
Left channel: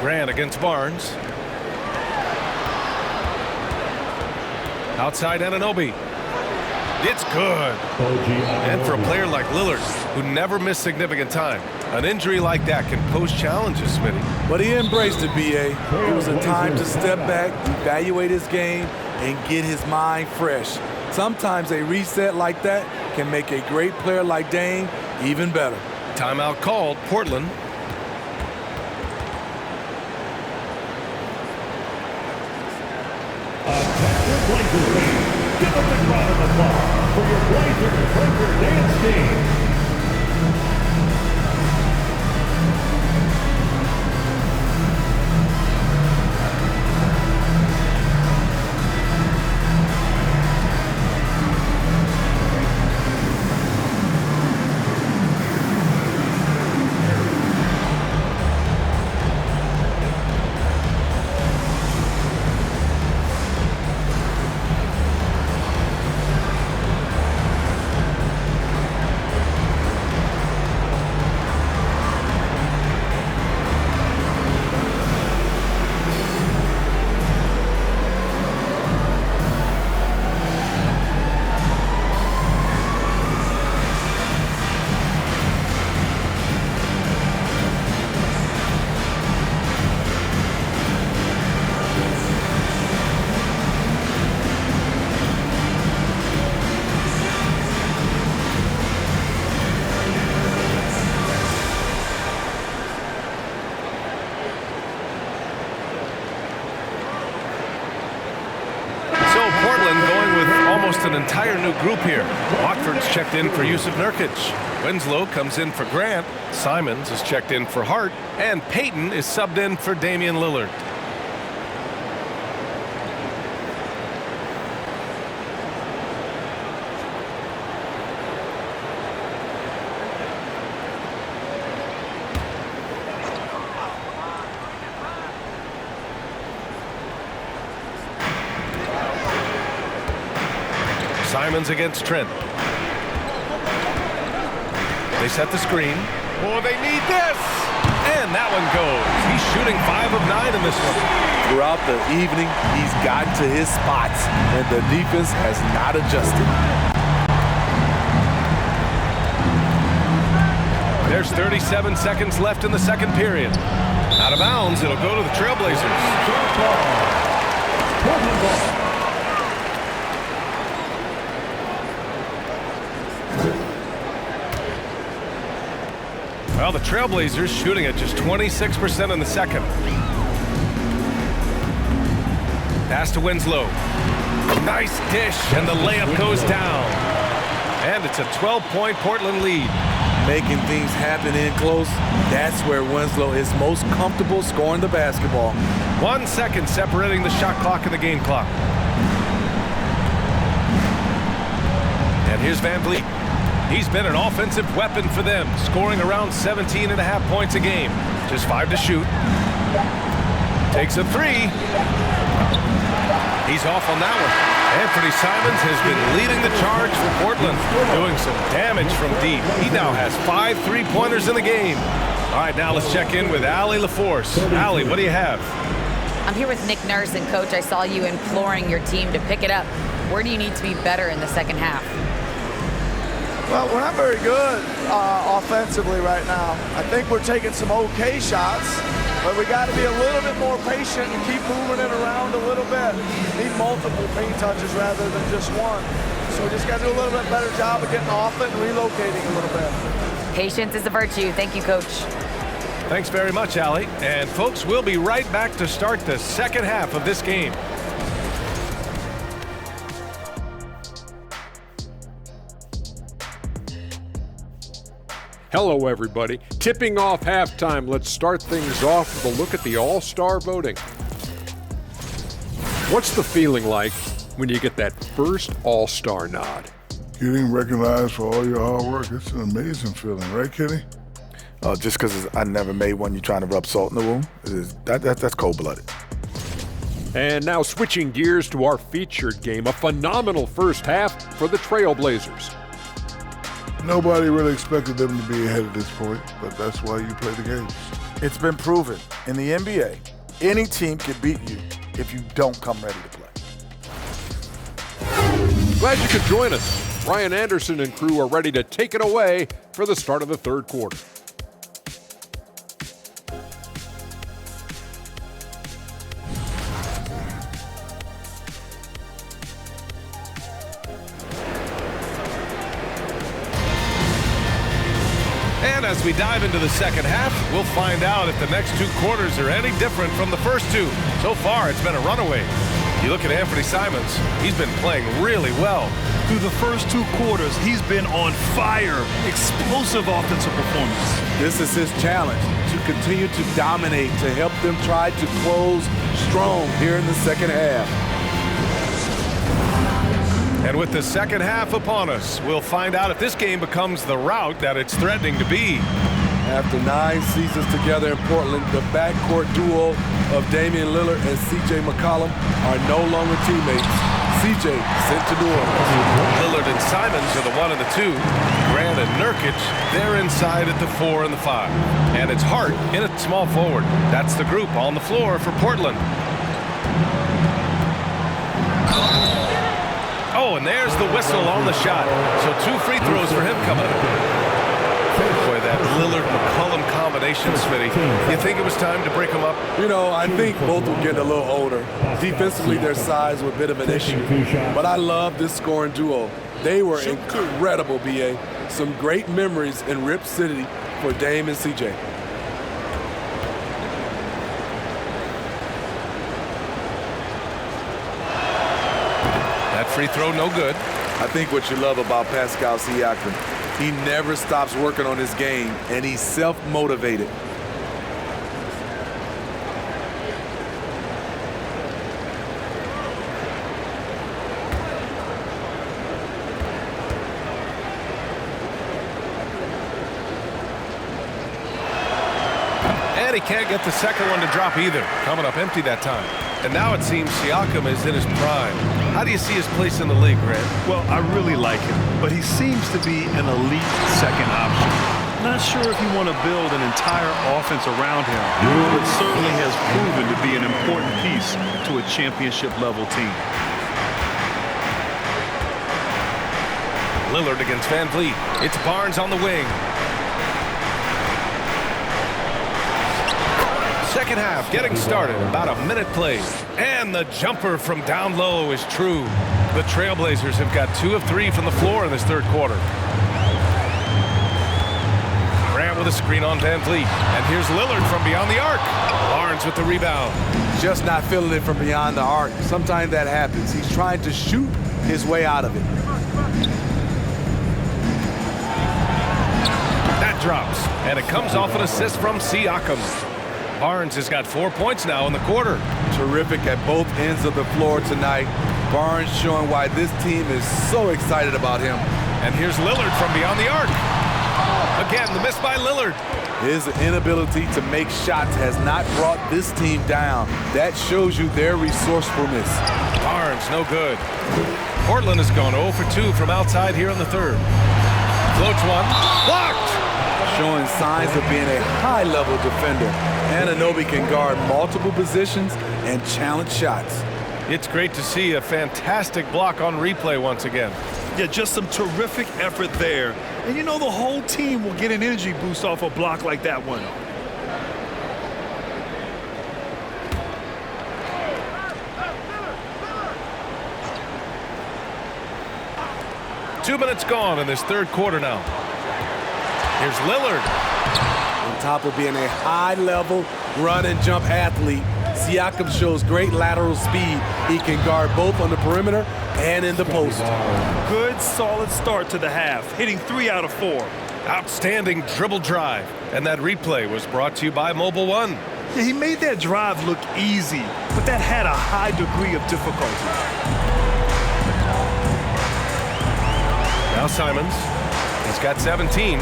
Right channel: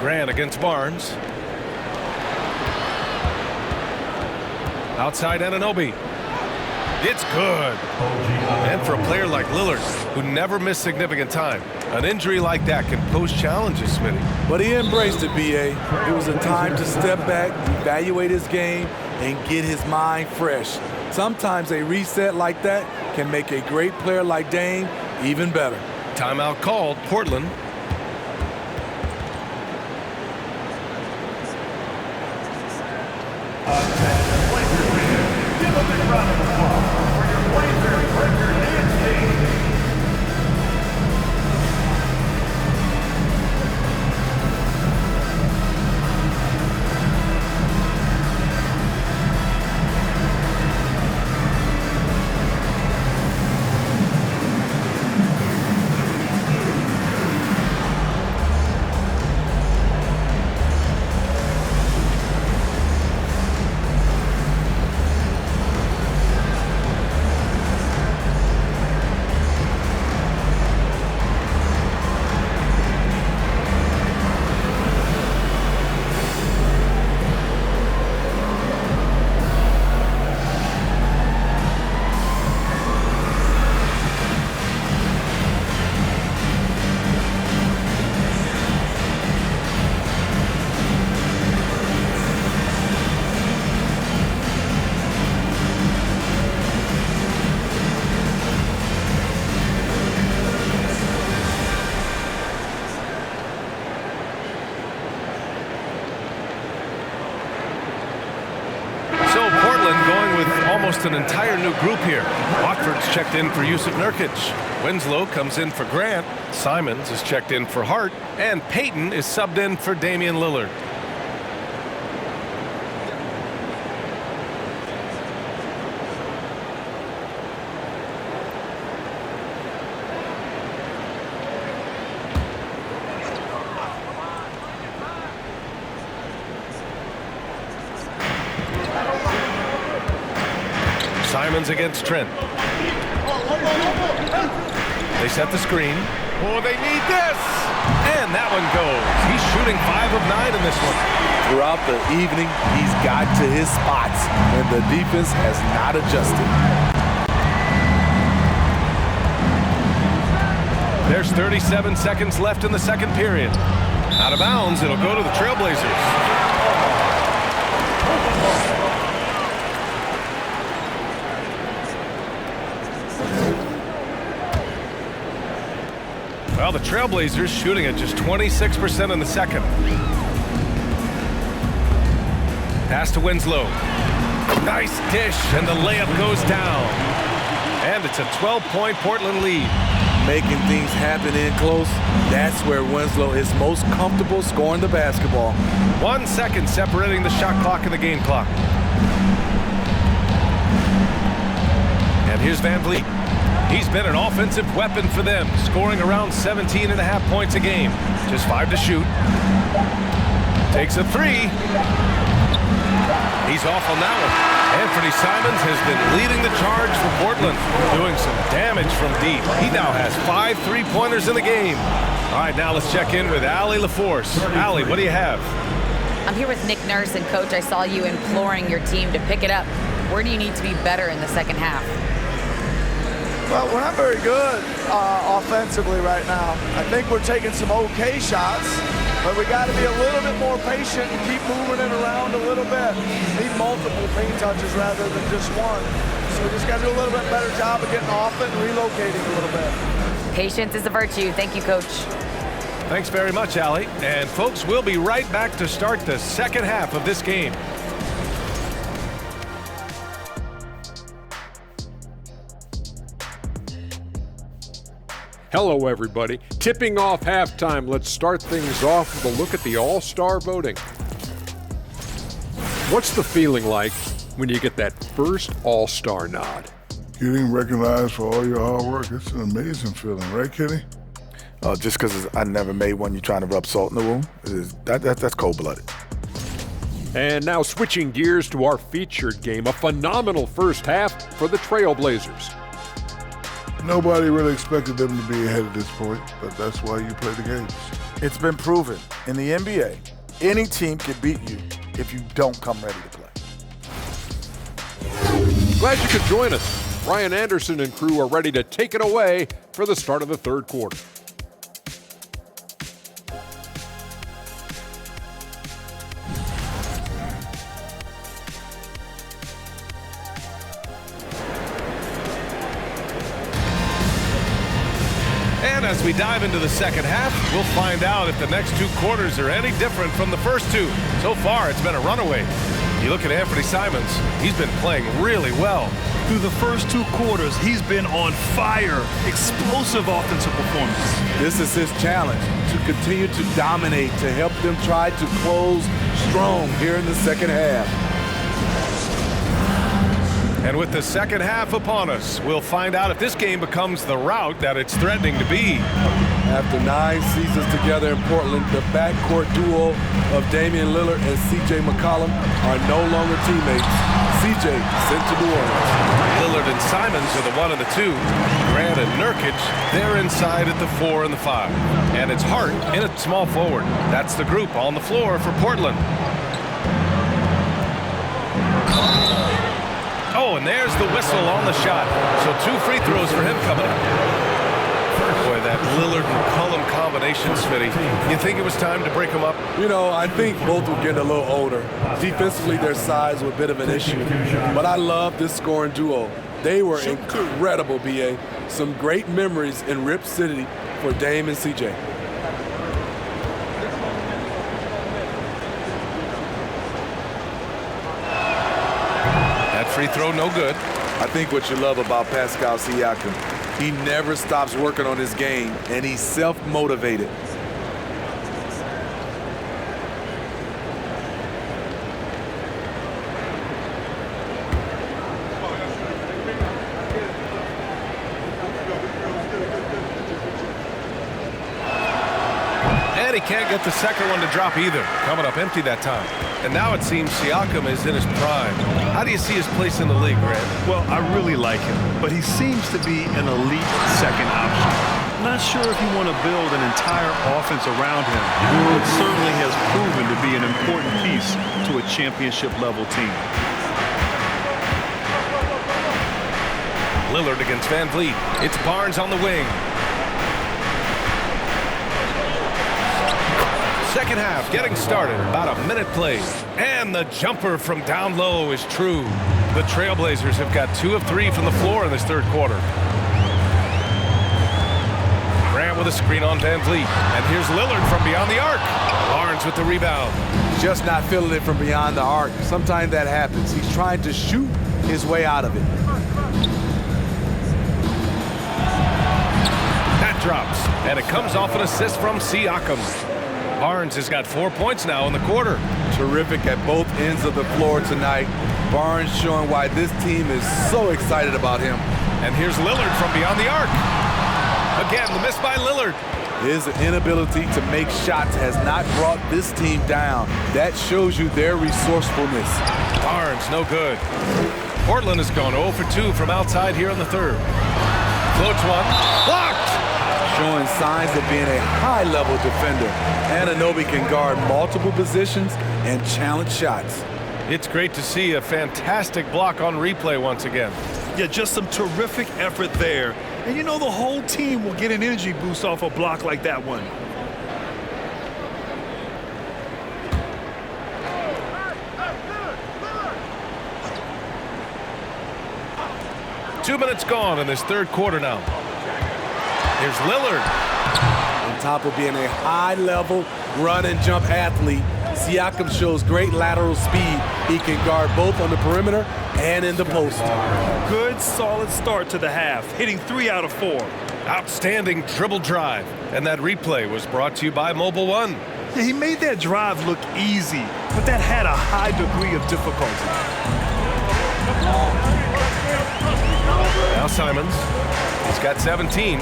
Grant against Barnes. Outside Anunoby. It's good. And for a player like Lillard, who never missed significant time, an injury like that can pose challenges, Smitty. But he embraced it, B.A. It was a time to step back, evaluate his game, and get his mind fresh. Sometimes a reset like that can make a great player like Dame even better. Timeout called, Portland. Attention Blazer fans, give a big round of applause for your Blazer Breaker Dance Team. So Portland going with almost an entire new group here. Watford's checked in for Yusuf Nurkic. Winslow comes in for Grant. Simons is checked in for Hart. And Payton is subbed in for Damian Lillard. Simons against Trent. They set the screen. Oh, they need this! And that one goes. He's shooting 5 of 9 in this one. Throughout the evening, he's got to his spots, and the defense has not adjusted. There's 37 seconds left in the second period. Out of bounds, it'll go to the Trailblazers. Well, the Trailblazers shooting at just 26% in the second. Pass to Winslow. Nice dish, and the layup goes down. And it's a 12-point Portland lead. Making things happen in close, that's where Winslow is most comfortable scoring the basketball. 1 second separating the shot clock and the game clock. And here's Van Vliet. He's been an offensive weapon for them, scoring around 17.5 points a game. Just 5 to shoot. Takes a 3. He's off on that one. Anthony Simons has been leading the charge for Portland, doing some damage from deep. He now has 5 3-pointers in the game. All right, now let's check in with Allie LaForce. Allie, what do you have? I'm here with Nick Nurse, and Coach, I saw you imploring your team to pick it up. Where do you need to be better in the second half? Well, we're not very good offensively right now. I think we're taking some okay shots, but we got to be a little bit more patient and keep moving it around a little bit. Need multiple paint touches rather than just one. So we just got to do a little bit better job of getting off it and relocating a little bit. Patience is a virtue. Thank you, Coach. Thanks very much, Allie. And folks, we'll be right back to start the second half of this game. Hello, everybody. Tipping off halftime. Let's start things off with a look at the All-Star voting. What's the feeling like when you get that first All-Star nod? Getting recognized for all your hard work, it's an amazing feeling, right, Kenny? Just because I never made one, you're trying to rub salt in the wound. That's cold-blooded. And now switching gears to our featured game, a phenomenal first half for the Trailblazers. Nobody really expected them to be ahead at this point, but that's why you play the games. It's been proven in the NBA, any team can beat you if you don't come ready to play. Glad you could join us. Ryan Anderson and crew are ready to take it away for the start of the third quarter. And as we dive into the second half, we'll find out if the next 2 quarters are any different from the first 2. So far, it's been a runaway. You look at Anthony Simons, he's been playing really well. Through the first 2 quarters, he's been on fire. Explosive offensive performance. This is his challenge, to continue to dominate, to help them try to close strong here in the second half. And with the second half upon us, we'll find out if this game becomes the rout that it's threatening to be. After 9 seasons together in Portland, the backcourt duo of Damian Lillard and C.J. McCollum are no longer teammates. C.J. sent to New Orleans. Lillard and Simons are the 1 and the 2. Grant and Nurkic, they're inside at the 4 and the 5. And it's Hart in at small forward. That's the group on the floor for Portland. Oh, and there's the whistle on the shot. So 2 free throws for him coming up. Boy, that Lillard-McCollum combination, Smitty. You think it was time to break them up? You know, I think both were getting a little older. Defensively, their size was a bit of an issue. But I love this scoring duo. They were incredible, B.A. Some great memories in Rip City for Dame and C.J. That free throw, no good. I think what you love about Pascal Siakam, he never stops working on his game, and he's self-motivated. And he can't get the second one to drop either. Coming up empty that time. And now it seems Siakam is in his prime. How do you see his place in the league, Grant? Well, I really like him, but he seems to be an elite second option. Not sure if you want to build an entire offense around him, but certainly has proven to be an important piece to a championship-level team. Lillard against Van Vliet. It's Barnes on the wing. Second half getting started, about a minute played. And the jumper from down low is true. The Trailblazers have got 2 of 3 from the floor in this third quarter. Grant with a screen on Van Vliet. And here's Lillard from beyond the arc. Barnes with the rebound. Just not feeling it from beyond the arc. Sometimes that happens. He's trying to shoot his way out of it. That drops. And it comes off an assist from Siakam. Barnes has got 4 points now in the quarter. Terrific at both ends of the floor tonight. Barnes showing why this team is so excited about him. And here's Lillard from beyond the arc. Again, the miss by Lillard. His inability to make shots has not brought this team down. That shows you their resourcefulness. Barnes, no good. Portland has gone 0 for 2 from outside here in the third. Floats one. Blocked! Showing signs of being a high-level defender. Anunoby can guard multiple positions and challenge shots. It's great to see a fantastic block on replay once again. Yeah, just some terrific effort there. And you know the whole team will get an energy boost off a block like that one. Two minutes gone in this third quarter now. Here's Lillard. On top of being a high-level run-and-jump athlete, Siakam shows great lateral speed. He can guard both on the perimeter and in the post. Good, solid start to the half, hitting 3 out of 4. Outstanding dribble drive. And that replay was brought to you by Mobile One. Yeah, he made that drive look easy, but that had a high degree of difficulty. Now Simons. He's got 17.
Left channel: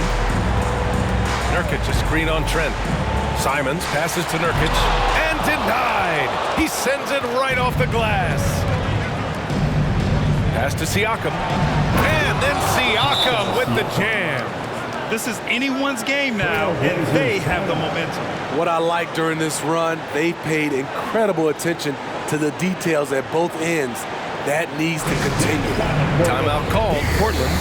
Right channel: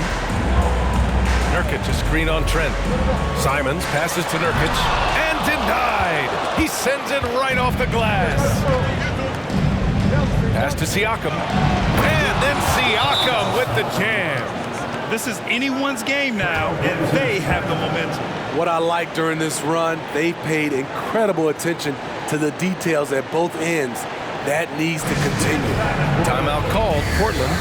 Nurkic a screen on Trent. Simons passes to Nurkic and denied. He sends it right off the glass. Pass to Siakam. And then Siakam with the jam. This is anyone's game now, and they have the momentum. What I like during this run, they paid incredible attention to the details at both ends. That needs to continue. Timeout called, Portland.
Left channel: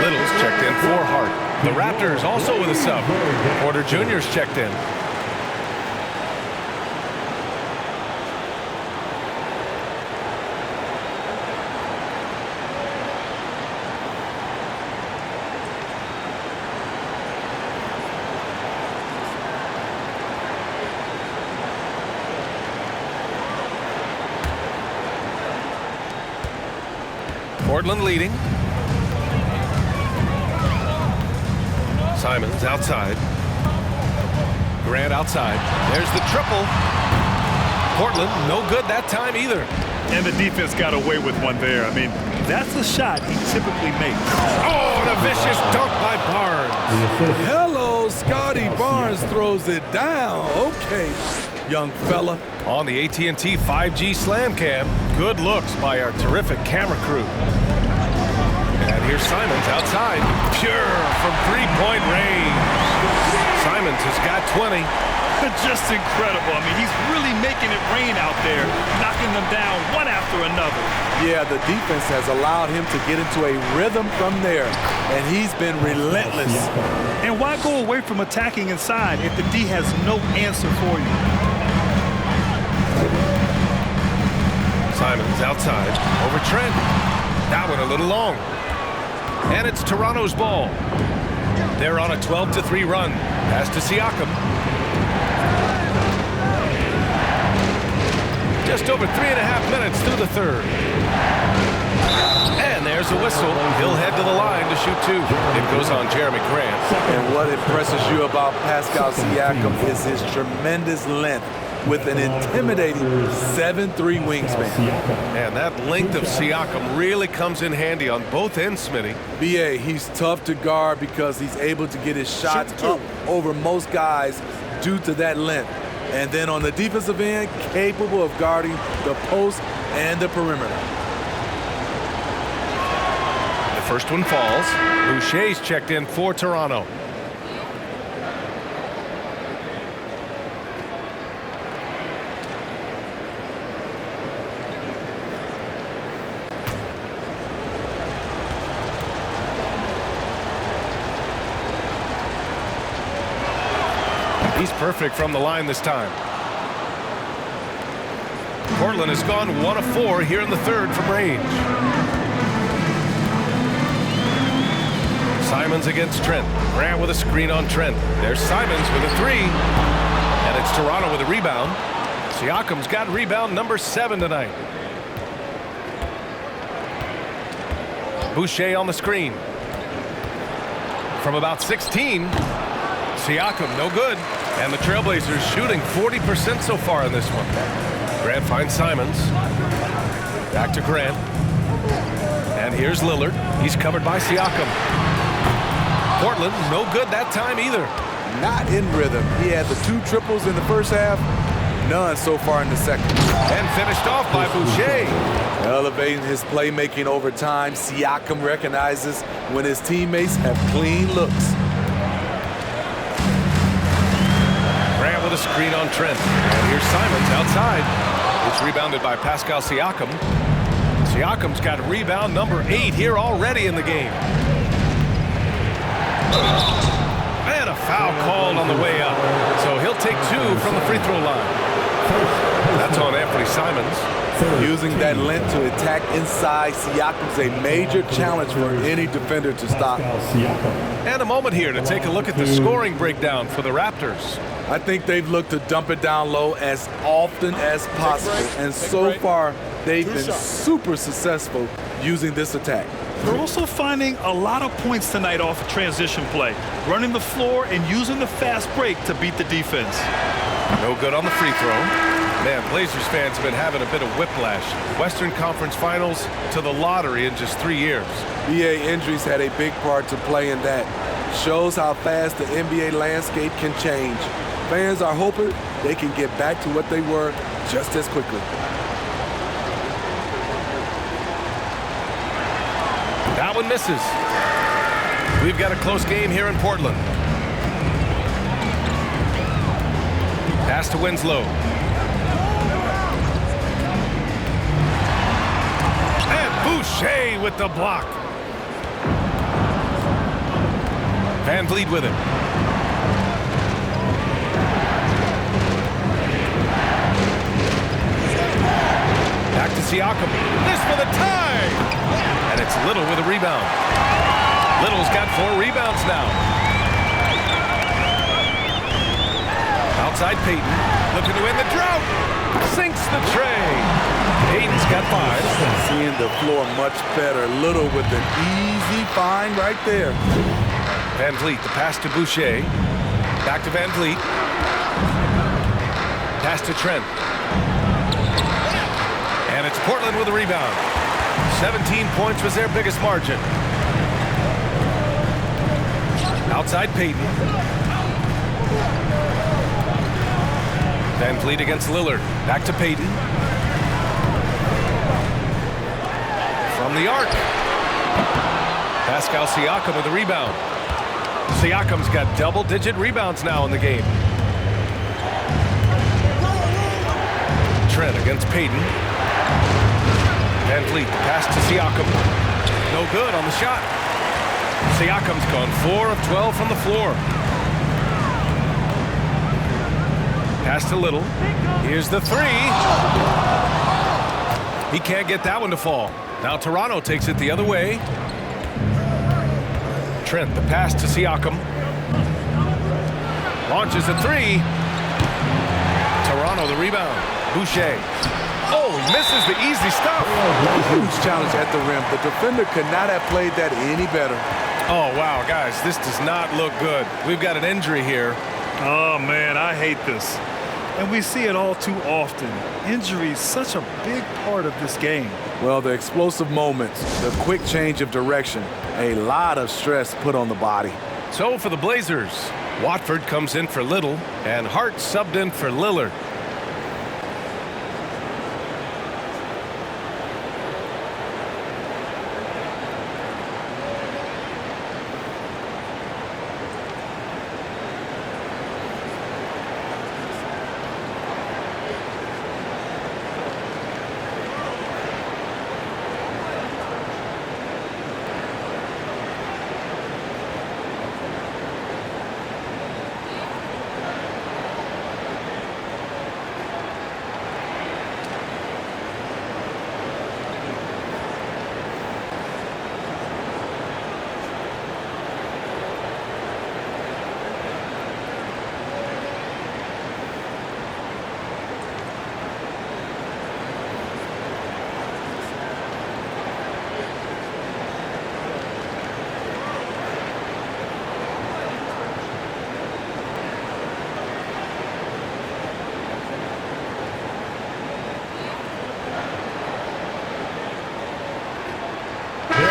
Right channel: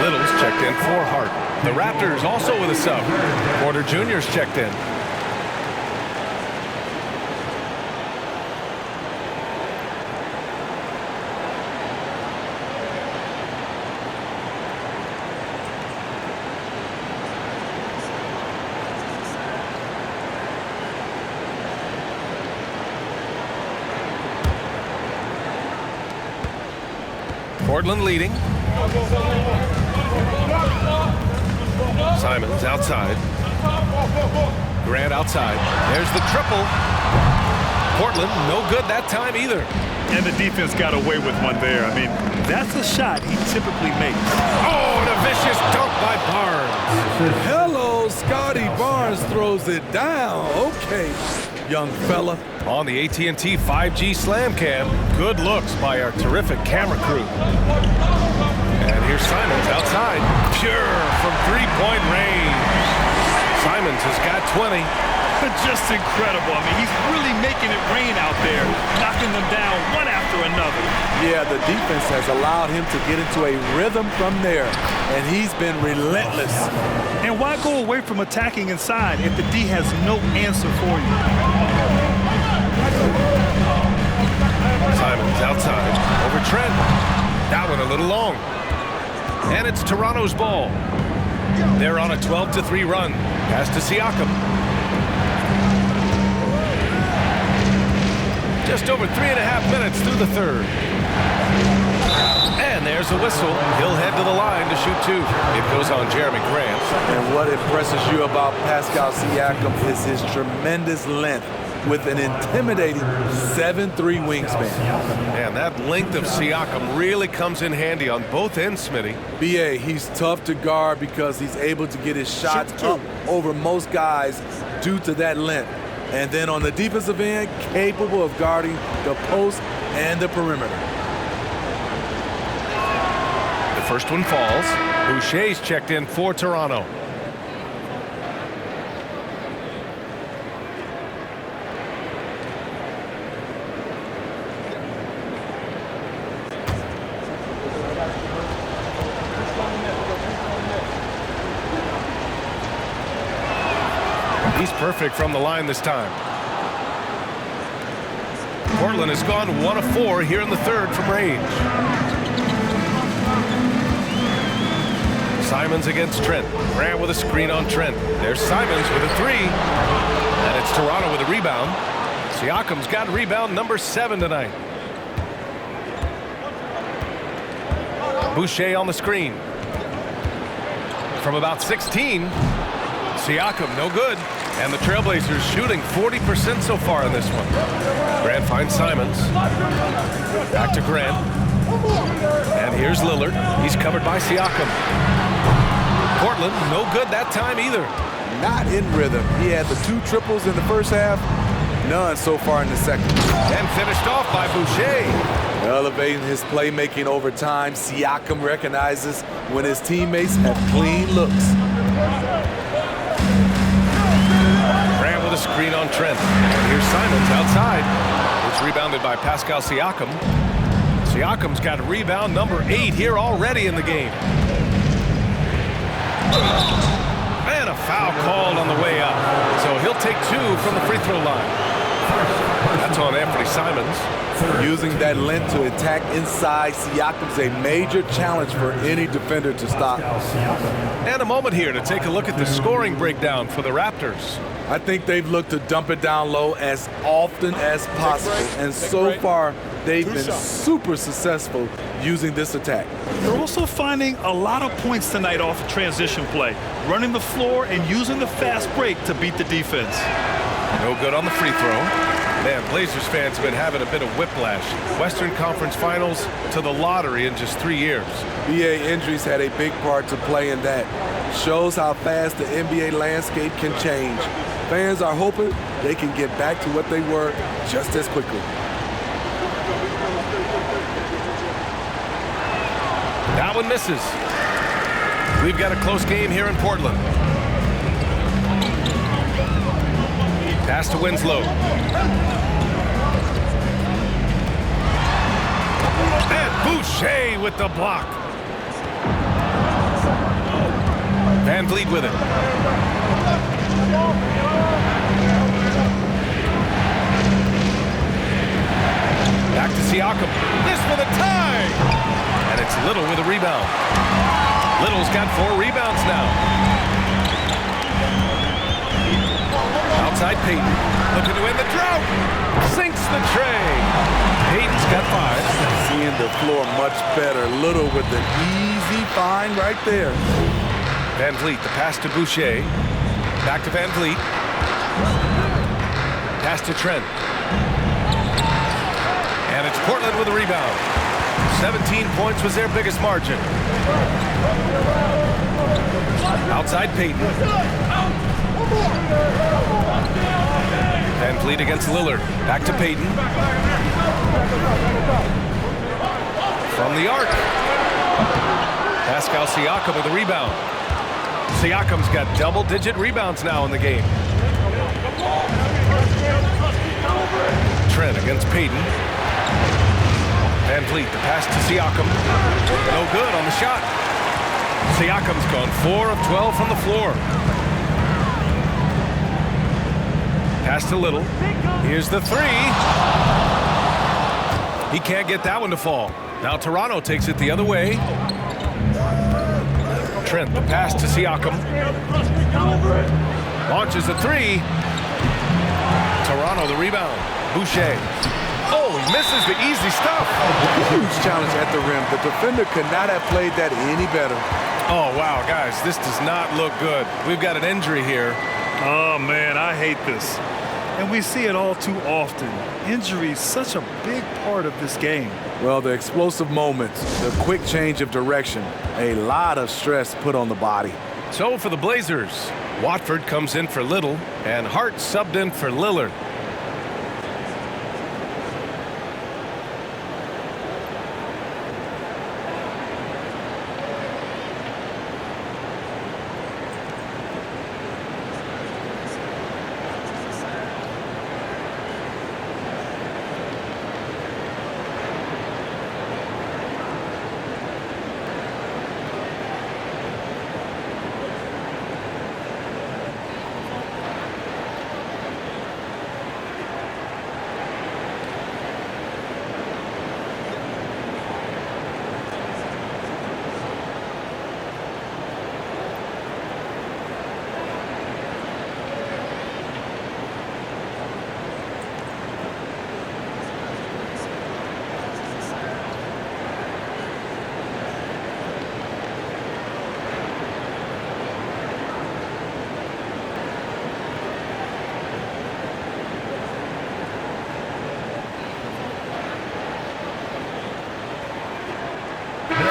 Little's checked in for Hart. The Raptors also with a sub. Porter Jr.'s checked in. Portland leading. Simons outside. Grant outside. There's the triple. Portland no good that time either. And the defense got away with one there. I mean, that's a shot he typically makes. Oh, and a vicious dunk by Barnes. Hello, Scotty Barnes throws it down. Okay, young fella. On the AT&T 5G Slam Cam, good looks by our terrific camera crew. And here's Simons outside, pure from three-point range. Simons has got 20. Just incredible. I mean, he's really making it rain out there, knocking them down one after another. Yeah, the defense has allowed him to get into a rhythm from there, and he's been relentless. And why go away from attacking inside if the D has no answer for you? Simons outside, over Trent. That one a little long. And it's Toronto's ball. They're on a 12-3 run. Pass to Siakam. Just over 3.5 minutes through the third. And there's a whistle. He'll head to the line to shoot two. It goes on Jeremy Grant. And what impresses you about Pascal Siakam is his tremendous length with an intimidating 7'3" wingspan. Man, that length of Siakam really comes in handy on both ends, Smitty. BA, he's tough to guard because he's able to get his shots up over most guys due to that length. And then on the defensive end, capable of guarding the post and the perimeter. The first one falls. Boucher's checked in for Toronto. He's perfect from the line this time. Portland has gone 1 of 4 here in the third from range. Simons against Trent. Grant with a screen on Trent. There's Simons with a three. And it's Toronto with a rebound. Siakam's got rebound number 7 tonight. Boucher on the screen. From about 16. Siakam no good. And the Trailblazers shooting 40% so far in this one. Grant finds Simons. Back to Grant. And here's Lillard. He's covered by Siakam. Portland no good that time either. Not in rhythm. He had the 2 triples in the first half. None so far in the second. And finished off by Boucher. Elevating his playmaking over time, Siakam recognizes when his teammates have clean looks. Grant with a screen on Trent. And here's Simons outside. It's rebounded by Pascal Siakam. Siakam's got rebound number 8 here already in the game. And a foul called on the way up. So he'll take 2 from the free throw line. That's on Anthony Simons. Using that length to attack inside, Siakam's a major challenge for any defender to stop. And a moment here to take a look at the scoring breakdown for the Raptors. I think they've looked to dump it down low as often as possible. And so far, they've been super successful using this attack. They're also finding a lot of points tonight off of transition play, running the floor and using the fast break to beat the defense. No good on the free throw. Man, Blazers fans have been having a bit of whiplash. Western Conference Finals to the lottery in just 3 years. BA injuries had a big part to play in that. Shows how fast the NBA landscape can change. Fans are hoping they can get back to what they were just as quickly. That one misses. We've got a close game here in Portland. Pass to Winslow. And Boucher with the block. Van Vliet with it. Back to Siakam. This for the tie! And it's Little with a rebound. Little's got 4 rebounds now. Outside Payton, looking to end the drought. Sinks the tray. Payton's got 5. Seeing the floor much better. Little with an easy find right there. Van Vliet, the pass to Boucher. Back to Van Vliet. Pass to Trent. And it's Portland with a rebound. 17 points was their biggest margin. Outside Payton. Van Vliet against Lillard. Back to Payton. From the arc. Pascal Siakam with a rebound. Siakam's got double-digit rebounds now in the game. Trent against Payton. Van Vliet, the pass to Siakam. No good on the shot. Siakam's gone 4 of 12 from the floor. Pass to Little. Here's the 3. He can't get that one to fall. Now Toronto takes it the other way. Trent, the pass to Siakam. Launches a 3. Toronto, the rebound. Boucher. Oh, he misses the easy stuff. Huge challenge at the rim. The defender could not have played that any better. Oh, wow, guys, this does not look good. We've got an injury here. Oh, man, I hate this. And we see it all too often. Injury is such a big part of this game. Well, the explosive moments, the quick change of direction, a lot of stress put on the body. So for the Blazers, Watford comes in for Little, and Hart subbed in for Lillard.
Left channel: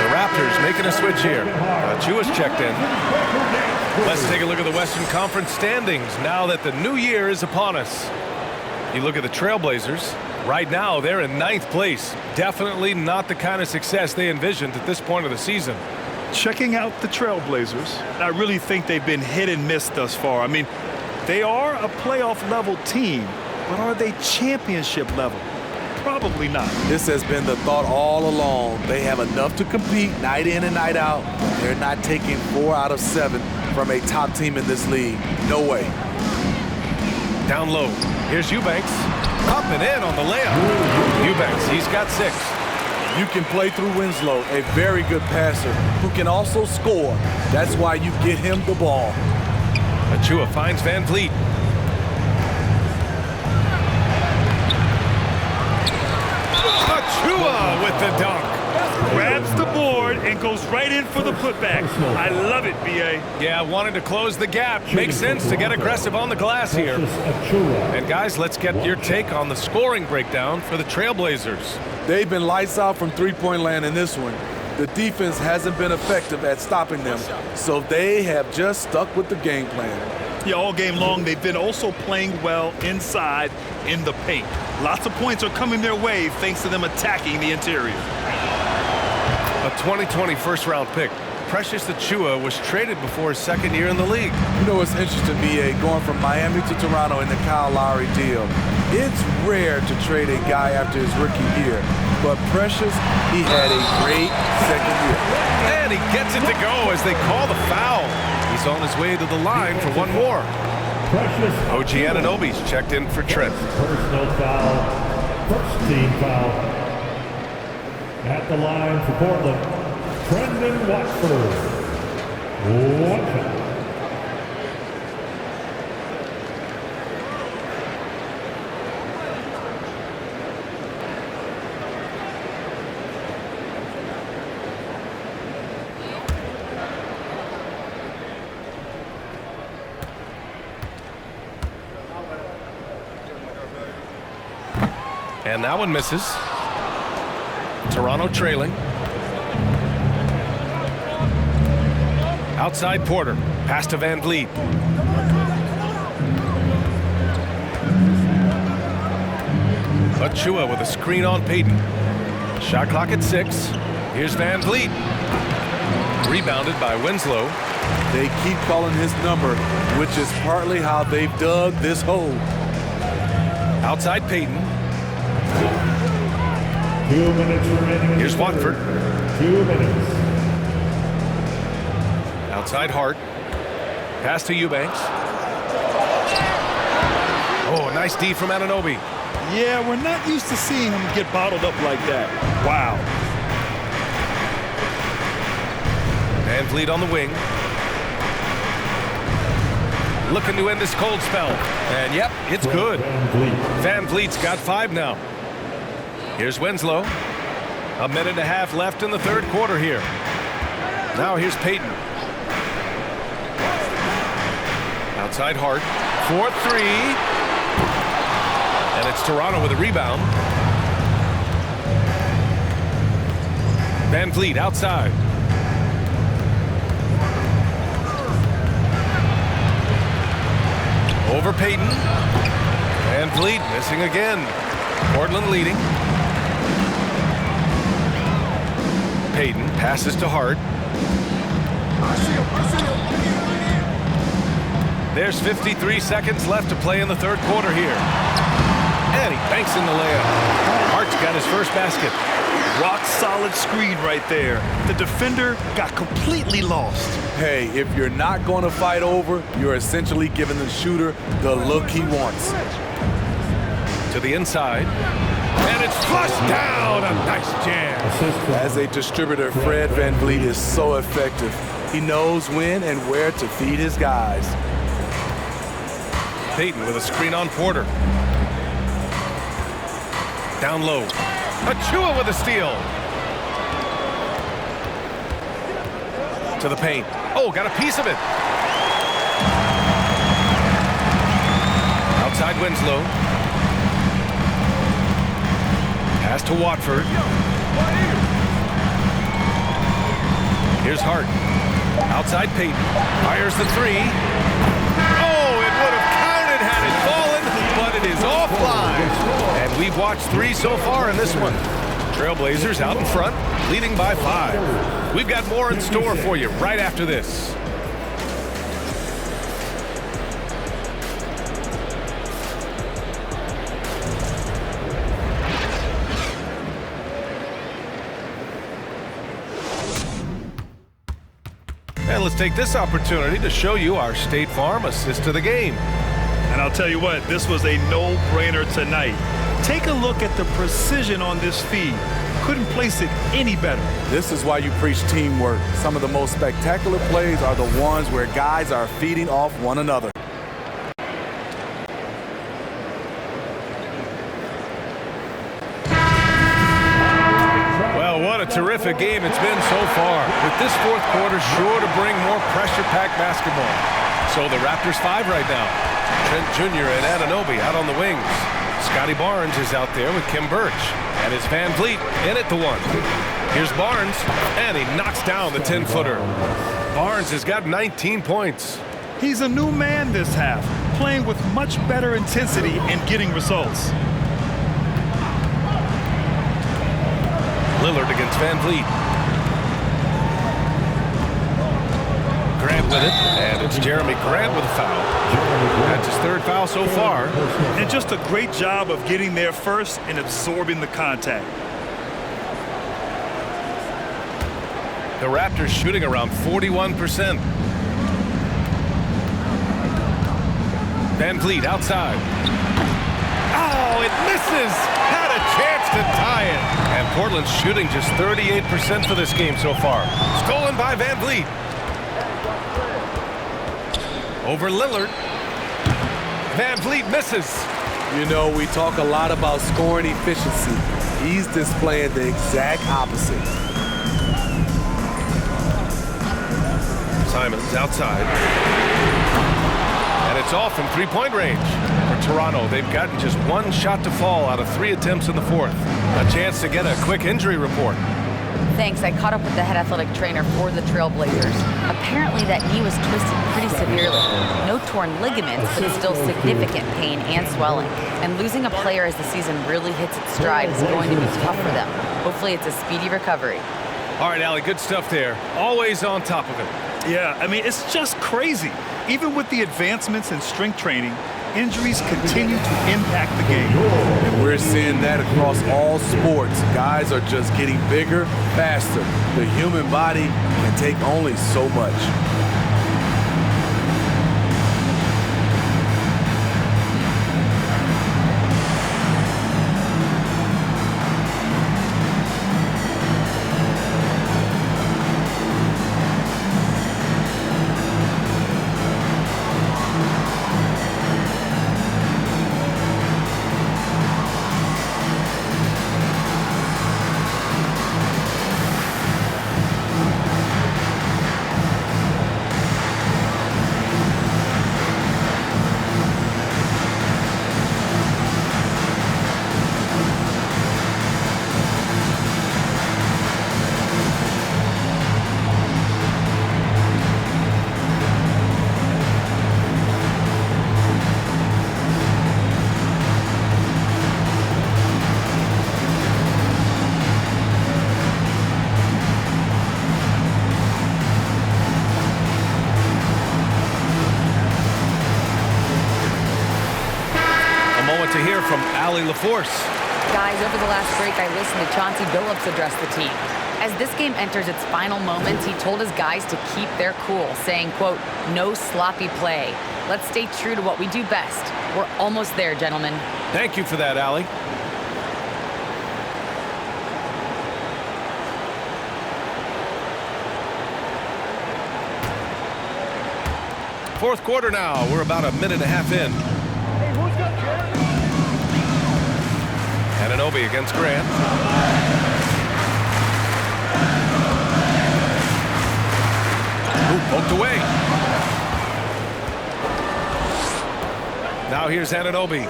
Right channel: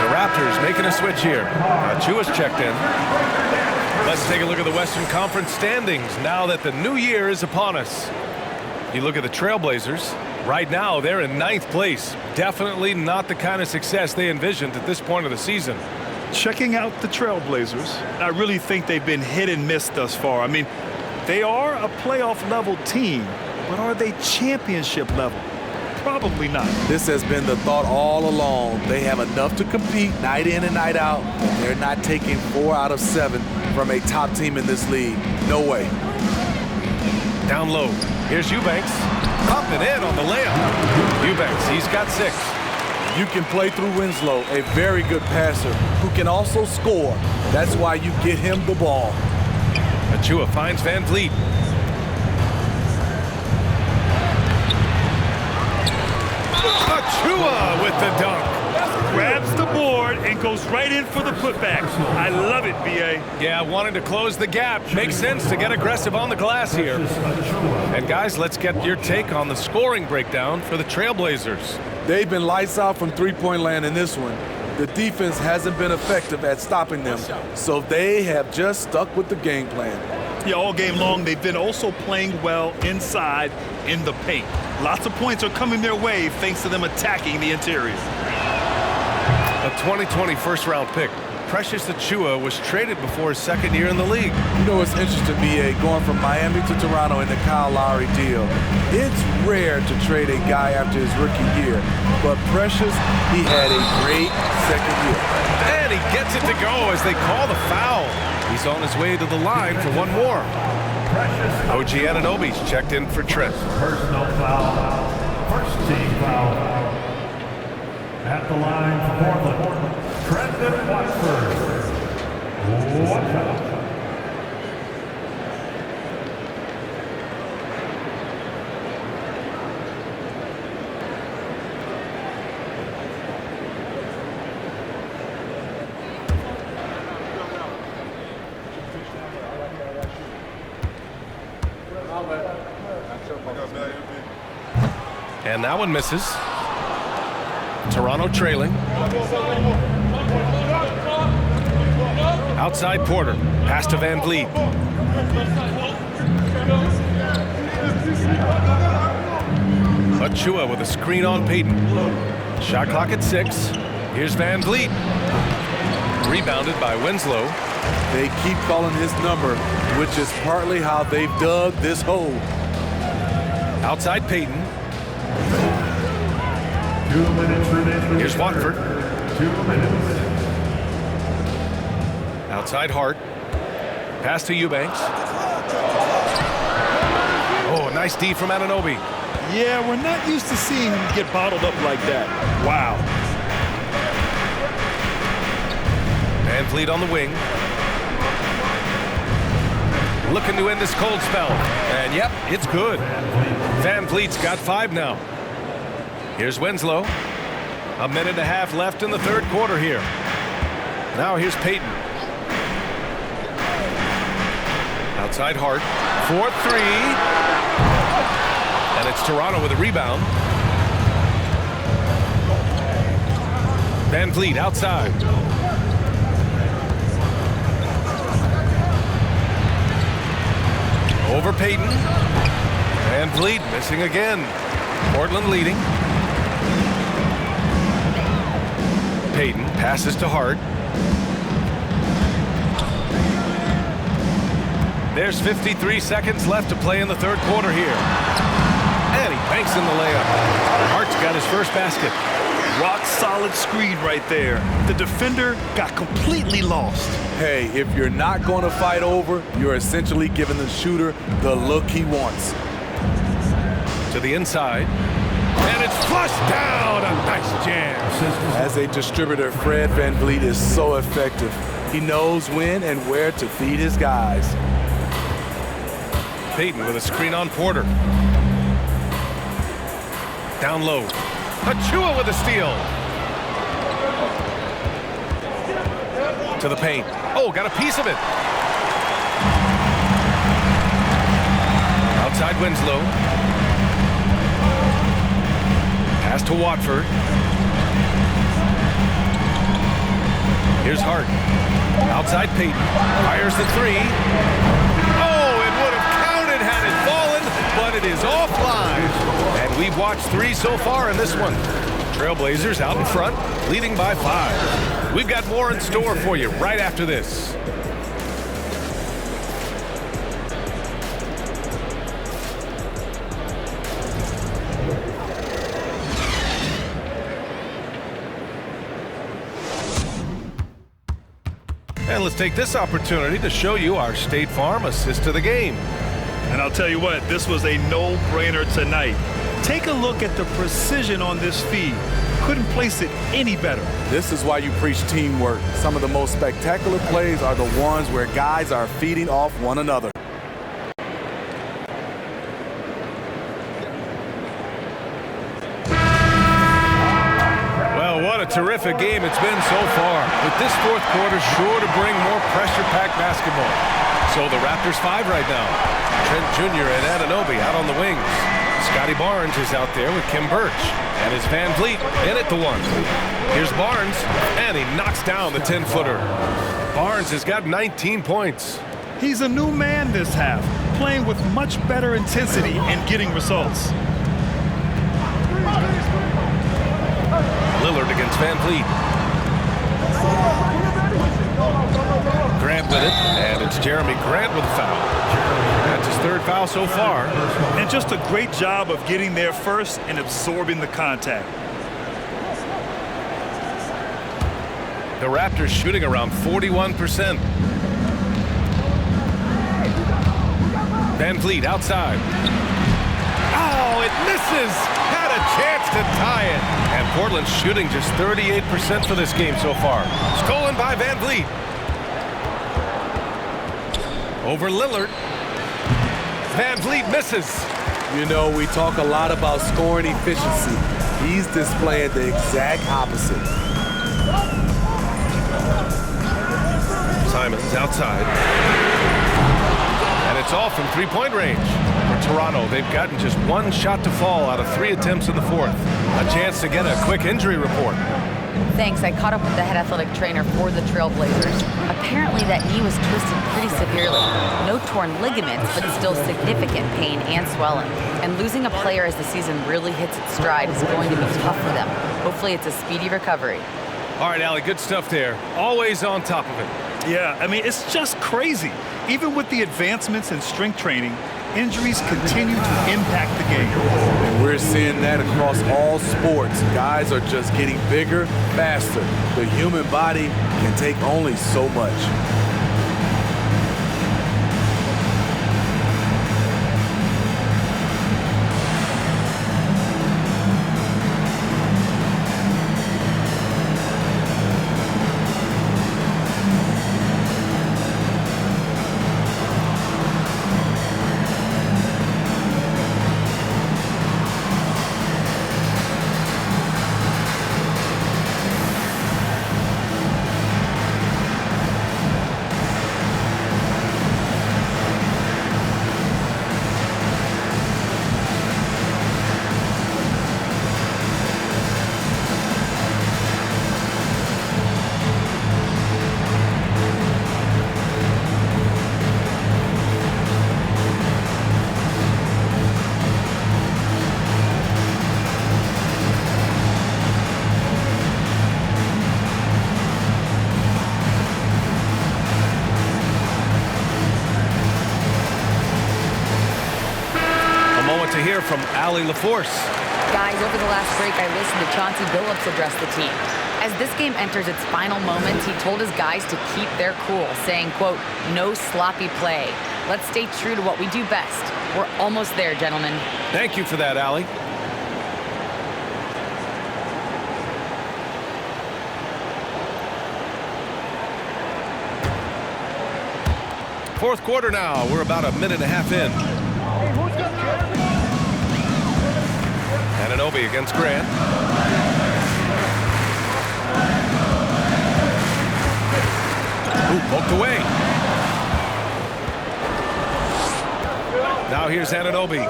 Raptors making a switch here. Chua's checked in. Let's take a look at the Western Conference standings now that the new year is upon us. You look at the Trailblazers. Right now, they're in 9th place. Definitely not the kind of success they envisioned at this point of the season. Checking out the Trailblazers, I really think they've been hit and miss thus far. I mean, they are a playoff-level team, but are they championship level? Probably not. This has been the thought all along. They have enough to compete night in and night out, but they're not taking 4 out of 7 from a top team in this league. No way. Down low. Here's Eubanks. Popping in on the layup. Eubanks, he's got 6. You can play through Winslow, a very good passer who can also score. That's why you get him the ball. Achua finds Van Vliet. Achua with the dunk. Grabs the board and goes right in for the putback. I love it, B.A. Yeah, wanted to close the gap. Makes sense to get aggressive on the glass here. And guys, let's get your take on the scoring breakdown for the Trailblazers. They've been lights out from three-point land in this one. The defense hasn't been effective at stopping them, so they have just stuck with the game plan. Yeah, all game long, they've been also playing well inside in the paint. Lots of points are coming their way thanks to them attacking the interior. A 2020 first-round pick. Precious Achua was traded before his second year in the league. You know, it's interesting, B.A., going from Miami to Toronto in the Kyle Lowry deal. It's rare to trade a guy after his rookie year, but Precious, he had a great second year. And he gets it to go as they call the foul. He's on his way to the line for one more. OG Anunoby's checked in for Trent. Personal foul. First team foul. At the line for Portland, Trendon Watford. Watch out. And that one misses. Toronto trailing. Outside Porter. Pass to Van Vliet. Achua with a screen on Payton. Shot clock at 6. Here's Van Vliet. Rebounded by Winslow. They keep calling his number, which is partly how they've dug this hole. Outside Payton. 2 minutes remaining. Here's Watford. 2 minutes. Outside Hart. Pass to Eubanks. Oh, nice D from Anunoby. Yeah, we're not used to seeing him get bottled up like that. Wow. Van Vliet on the wing. Looking to end this cold spell. And yep, it's good. Van Vliet's got 5 now. Here's Winslow. A minute and a half left in the third quarter here. Now here's Payton. Outside Hart. 4-3. And it's Toronto with a rebound. Van Vliet outside. Over Payton. Van Vliet missing again. Portland leading. Payton passes to Hart. There's 53 seconds left to play in the third quarter here. And he banks in the layup. Hart's got his first basket. Rock solid screen right there. The defender got completely lost. Hey, if you're not going to fight over, you're essentially giving the shooter the look he wants. To the inside. And it's flushed down. A nice jam. As a distributor, Fred Van Vliet is so effective. He knows when and where to feed his guys. Payton with a screen on Porter. Down low. Achua with a steal. To the paint. Oh, got a piece of it. Outside Winslow. Pass to Watford. Here's Hart. Outside Payton. Fires the 3. Oh, it would have counted had it fallen, but it is offline. And we've watched 3 so far in this one. Trailblazers out in front, leading by 5. We've got more in store for you right after this. And let's take this opportunity to show you our State Farm assist to the game. And I'll tell you what, this was a no-brainer tonight. Take a look at the precision on this feed. Couldn't place it any better. This is why you preach teamwork. Some of the most spectacular plays are the ones where guys are feeding off one another. Well, what a terrific game it's been so far. With this fourth quarter sure to bring more pressure-packed basketball. So the Raptors 5 right now. Trent Jr. and Anunoby out on the wings. Scotty Barnes is out there with Kim Birch. And it's Van Vliet in at the 1. Here's Barnes, and he knocks down the 10-footer. Barnes has got 19 points. He's a new man this half, playing with much better intensity and getting results. Lillard against Van Vliet. Grab Grant with it, and it's Jeremy Grant with a foul. That's his third foul so far. And just a great job of getting there first and absorbing the contact. The Raptors shooting around 41%. Van Vliet outside. Oh, it misses! Had a chance to tie it. And Portland's shooting just 38% for this game so far. Stolen by Van Vliet. Over Lillard. Van Vliet misses. You know, we talk a lot about scoring efficiency. He's displaying the exact opposite. Simons outside. And it's off from three-point range. For Toronto, they've gotten just one shot to fall out of 3 attempts in the fourth. A chance to get a quick injury report. Thanks. I caught up with the head athletic trainer for the Trailblazers. Apparently that knee was twisted pretty severely. No torn ligaments, but still significant pain and swelling. And losing a player as the season really hits its stride is going to be tough for them. Hopefully it's a speedy recovery. All right, Allie, good stuff there. Always on top of it. Yeah, I mean, it's just crazy. Even with the advancements in strength training, injuries continue to impact the game. And we're seeing that across all sports. Guys are just getting bigger, faster. The human body can take only so much. Moment to hear from Allie LaForce. Guys, over the last break, I listened to Chauncey Billups address the team. As this game enters its final moments, he told his guys to keep their cool, saying, quote, "No sloppy play. Let's stay true to what we do best. We're almost there, gentlemen." Thank you for that, Allie. Fourth quarter now. We're about a minute and a half in. Anunoby against Grant. Ooh, poked away. Now here's Anunoby.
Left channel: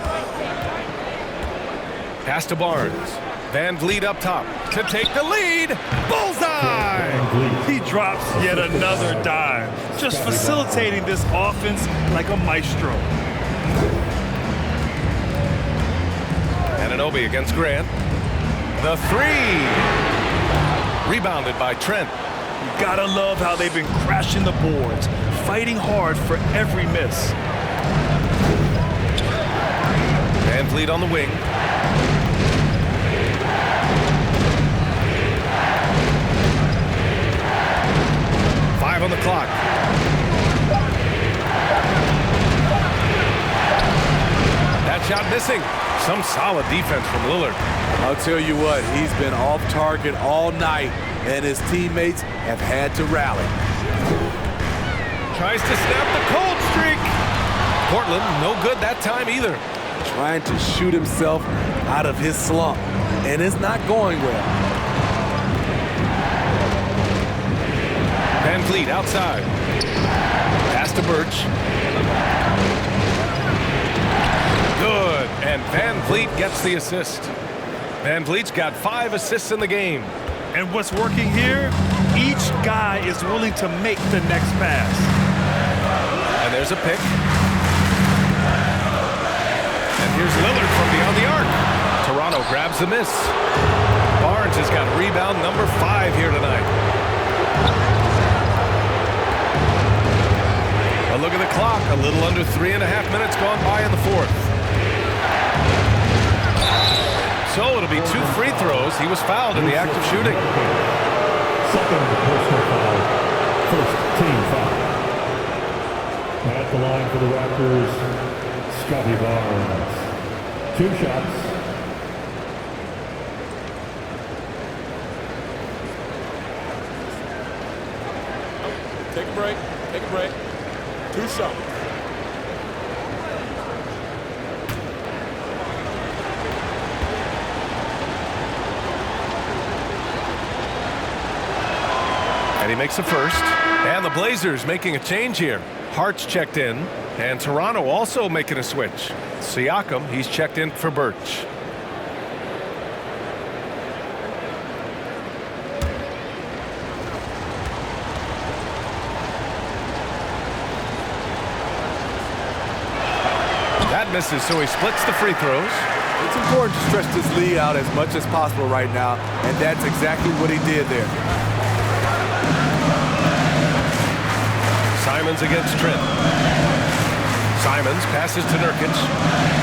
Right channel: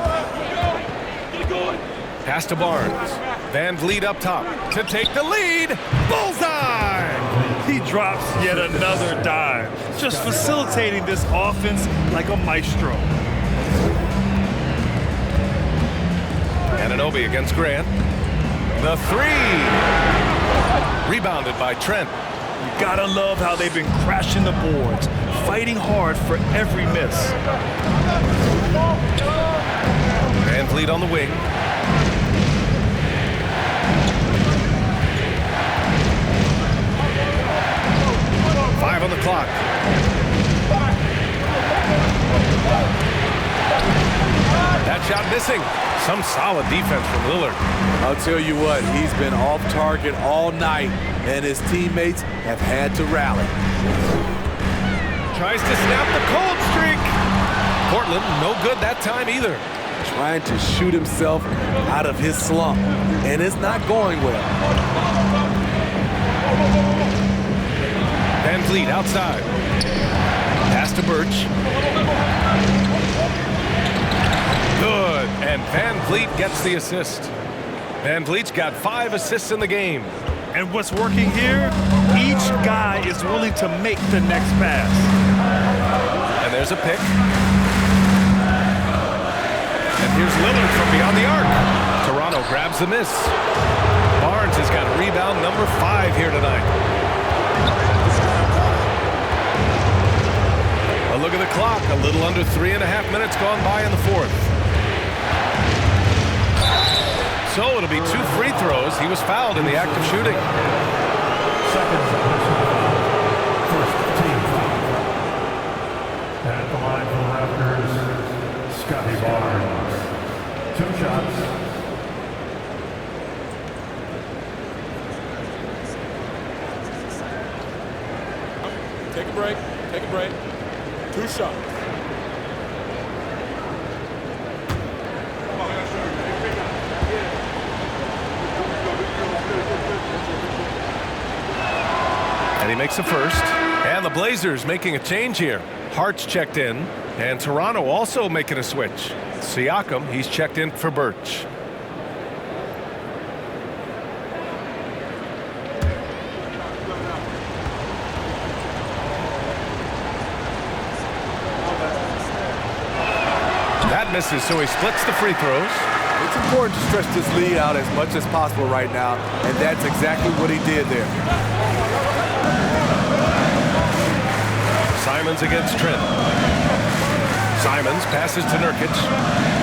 Pass to Barnes. Van Vliet up top to take the lead. Bullseye! He drops yet another dime, just facilitating this offense like a maestro. Anunoby against Grant. The three. Rebounded by Trent. You gotta love how they've been crashing the boards, fighting hard for every miss. Van Vliet on the wing. Five on the clock. That shot missing. Some solid defense from Lillard. I'll tell you what, he's been off target all night, and his teammates have had to rally. Tries to snap the cold streak. Portland, no good that time either. Trying to shoot himself out of his slump, and it's not going well. Van Vliet outside. Pass to Birch. Good, and Van Vliet gets the assist. Van Vliet's got 5 assists in the game. And what's working here? Each guy is willing to make the next pass. And there's a pick. And here's Lillard from beyond the arc. Toronto grabs the miss. Barnes has got rebound number 5 here tonight. A look at the clock. A little under 3.5 minutes gone by in the fourth. So it'll be 2 free throws. He was fouled in the act of shooting. Second personal foul. First team foul. At the line for the Raptors, Scotty Barnes. 2 shots. Take a break. Take a break. 2 shots. And he makes the first. And the Blazers making a change here. Hart's checked in. And Toronto also making a switch. Siakam, he's checked in for Birch. That misses, so he splits the free throws. It's important to stretch this lead out as much as possible right now, and that's exactly what he did there. Simons against Trent. Simons passes to Nurkic.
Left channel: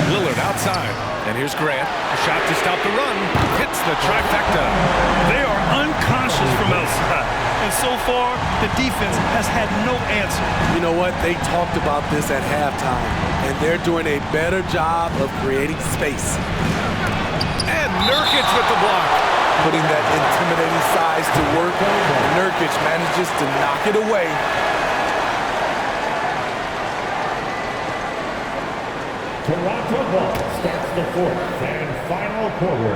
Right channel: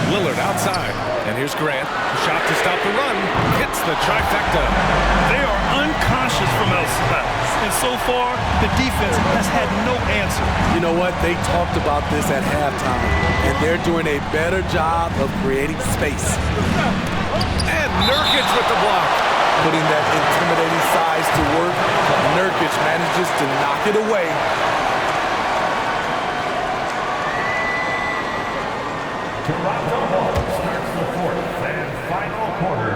Lillard outside. And here's Grant. A shot to stop the run. Hits the trifecta. They are unconscious from outside. And so far, the defense has had no answer. You know what? They talked about this at halftime, and they're doing a better job of creating space. And Nurkic with the block. Putting that intimidating size to work. Nurkic manages to knock it away. Toronto ball starts the fourth and final quarter.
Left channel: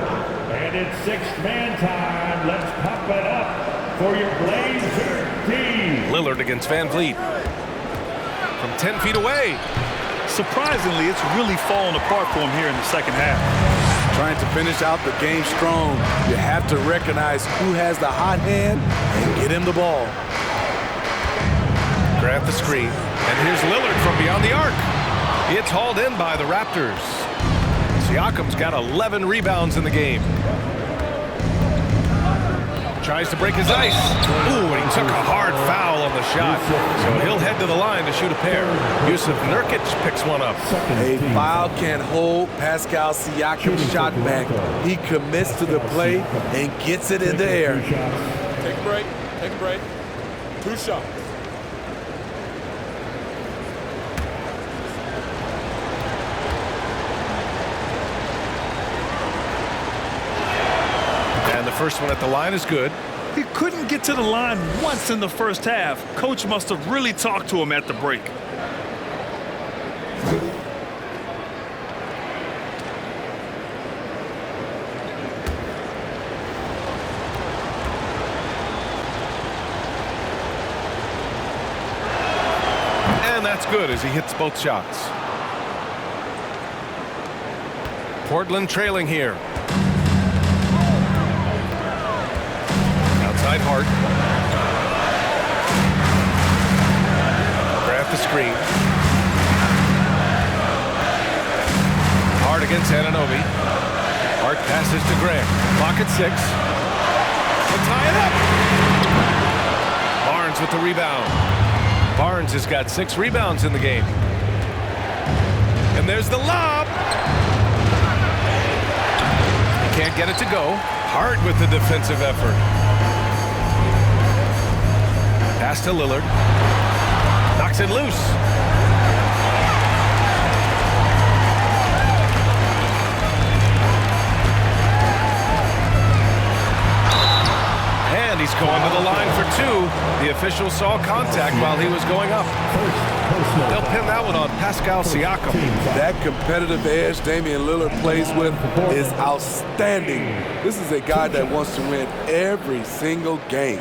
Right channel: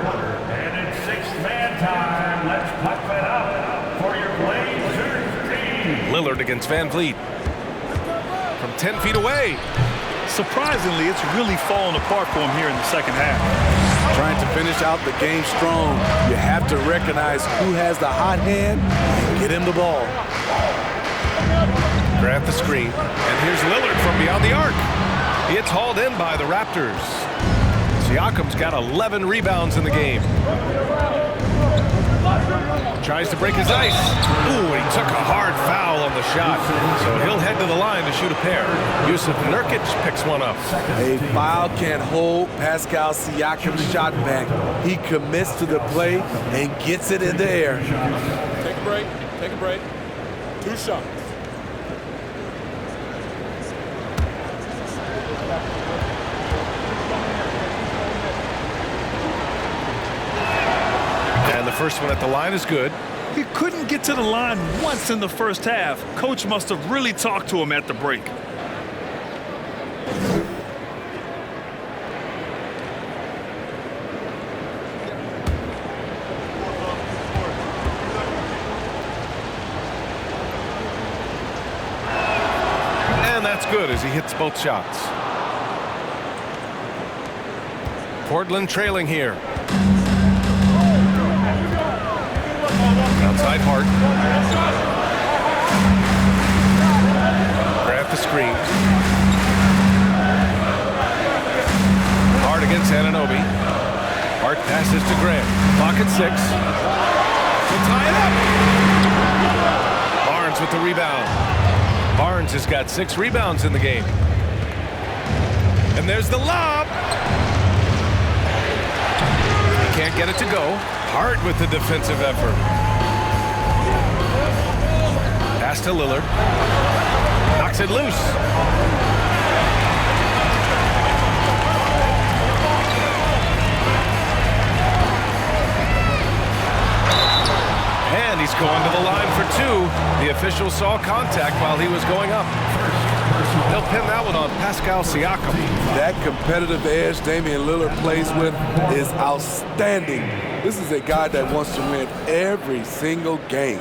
And it's 6-man time. Let's pump it up for your Blazers team. Lillard against Van Vliet. From 10 feet away. Surprisingly, it's really fallen apart for him here in the second half. Trying to finish out the game strong. You have to recognize who has the hot hand and get him the ball. Grant the screen. And here's Lillard from beyond the arc. It's hauled in by the Raptors. Siakam's got 11 rebounds in the game. Tries to break his ice. Ooh, and he took a hard foul on the shot. So he'll head to the line to shoot a pair. Yusuf Nurkic picks one up. A foul can hold Pascal Siakam's shot back. He commits to the play and gets it in the air. Take a break. Take a break. 2 shots. And the first one at the line is good. He couldn't get to the line once in the first half. Coach must have really talked to him at the break. And that's good as he hits both shots. Portland trailing here. Outside Hart. Grant the screen. Hart against Anunoby. Hart passes to Grant. Clock at 6. To tie it up. Barnes with the rebound. Barnes has got 6 rebounds in the game. And there's the lob. He can't get it to go. Hart with the defensive effort. Pass to Lillard. Knocks it loose. And he's going to the line for 2. The official saw contact while he was going up. They'll pin that one on Pascal Siakam. That competitive edge Damian Lillard plays with is outstanding. This is a guy that wants to win every single game.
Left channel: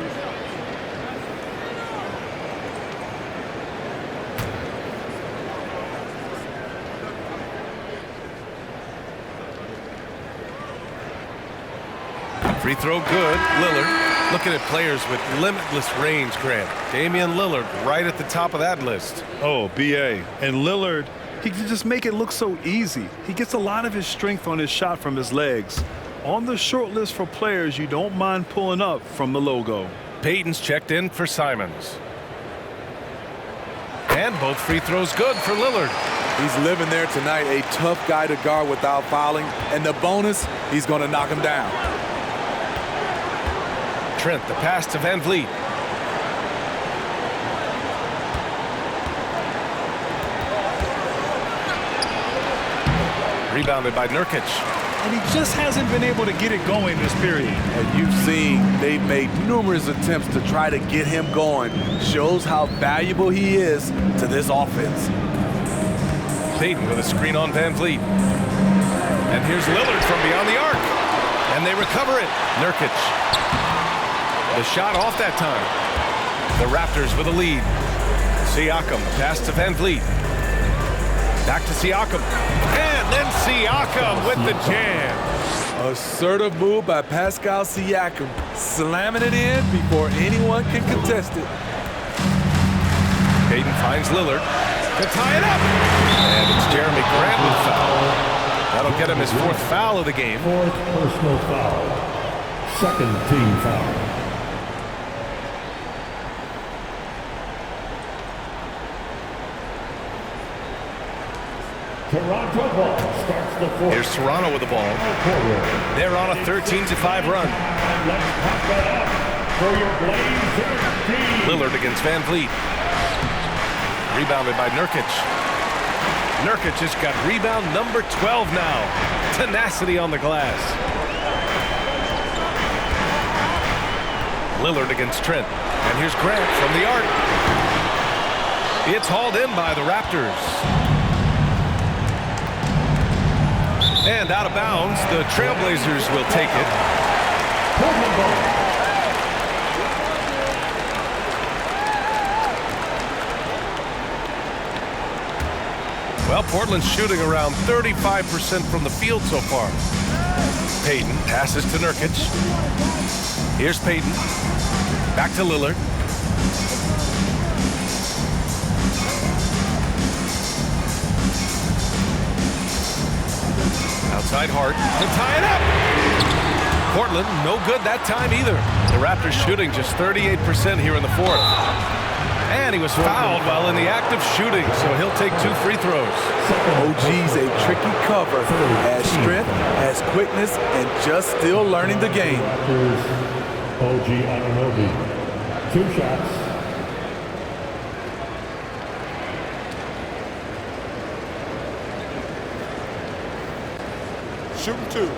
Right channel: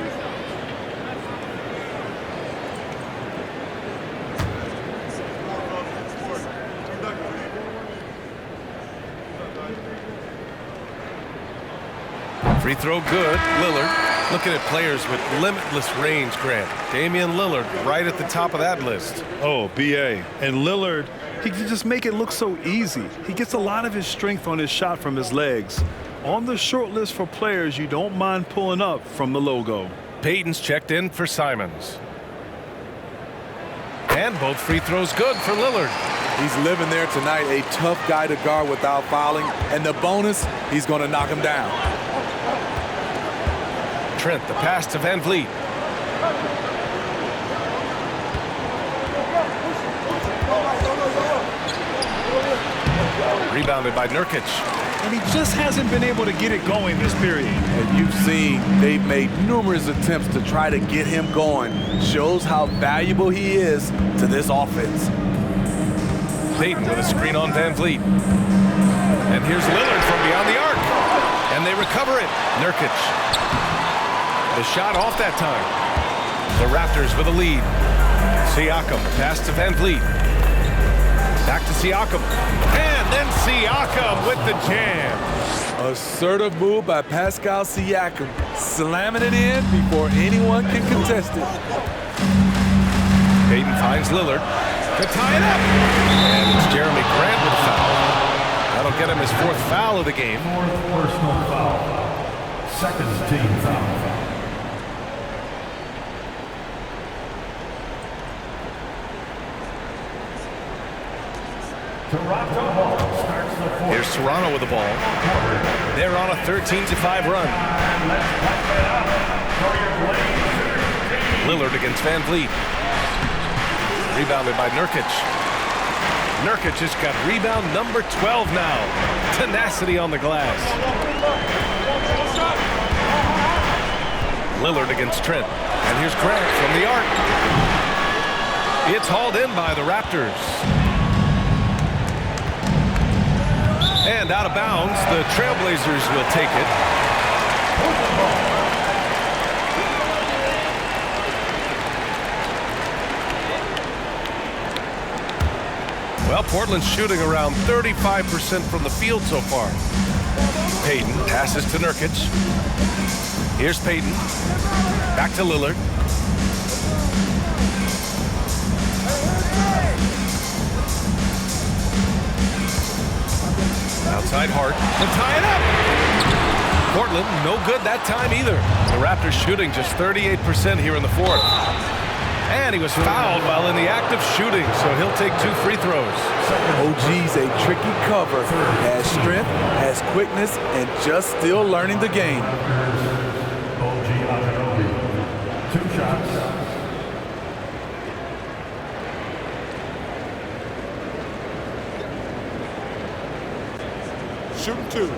Free throw good. Lillard. Looking at players with limitless range, Grant. Damian Lillard right at the top of that list. Oh, BA. And Lillard, he can just make it look so easy. He gets a lot of his strength on his shot from his legs. On the short list for players you don't mind pulling up from the logo. Payton's checked in for Simons. And both free throws good for Lillard. He's living there tonight, a tough guy to guard without fouling. And the bonus, he's going to knock him down. Trent, the pass to Van Vliet. Rebounded by Nurkic. And he just hasn't been able to get it going this period. And you've seen they've made numerous attempts to try to get him going. Shows how valuable he is to this offense. Payton with a screen on Van Vliet. And here's Lillard from beyond the arc. And they recover it. Nurkic. The shot off that time. The Raptors with a lead. Siakam, the pass to Van Vliet. Back to Siakam. And then Siakam with the jam. Assertive move by Pascal Siakam, slamming it in before anyone can contest it. Payton finds Lillard to tie it up. And it's Jeremy Grant with a foul. That'll get him his 4th foul of the game. 4th personal foul. 2nd team foul. Toronto ball starts the 4th. Here's Toronto with the ball. They're on a 13-5 run. And let's pump it up for your Blazers. Lillard against Van Vliet. Rebounded by Nurkic. Nurkic has got rebound number 12 now. Tenacity on the glass. Lillard against Trent. And here's Grant from the arc. It's hauled in by the Raptors. And out of bounds, the Trailblazers will take it. Well, Portland's shooting around 35% from the field so far. Payton passes to Nurkic. Here's Payton. Back to Lillard. Outside Hart to tie it up. Portland, no good that time either. The Raptors shooting just 38% here in the 4th. And he was fouled while in the act of shooting, so he'll take 2 free throws. OG's a tricky cover. Has strength, has quickness, and just still learning the game. Here's OG Anunoby. 2 shots. Shooting 2.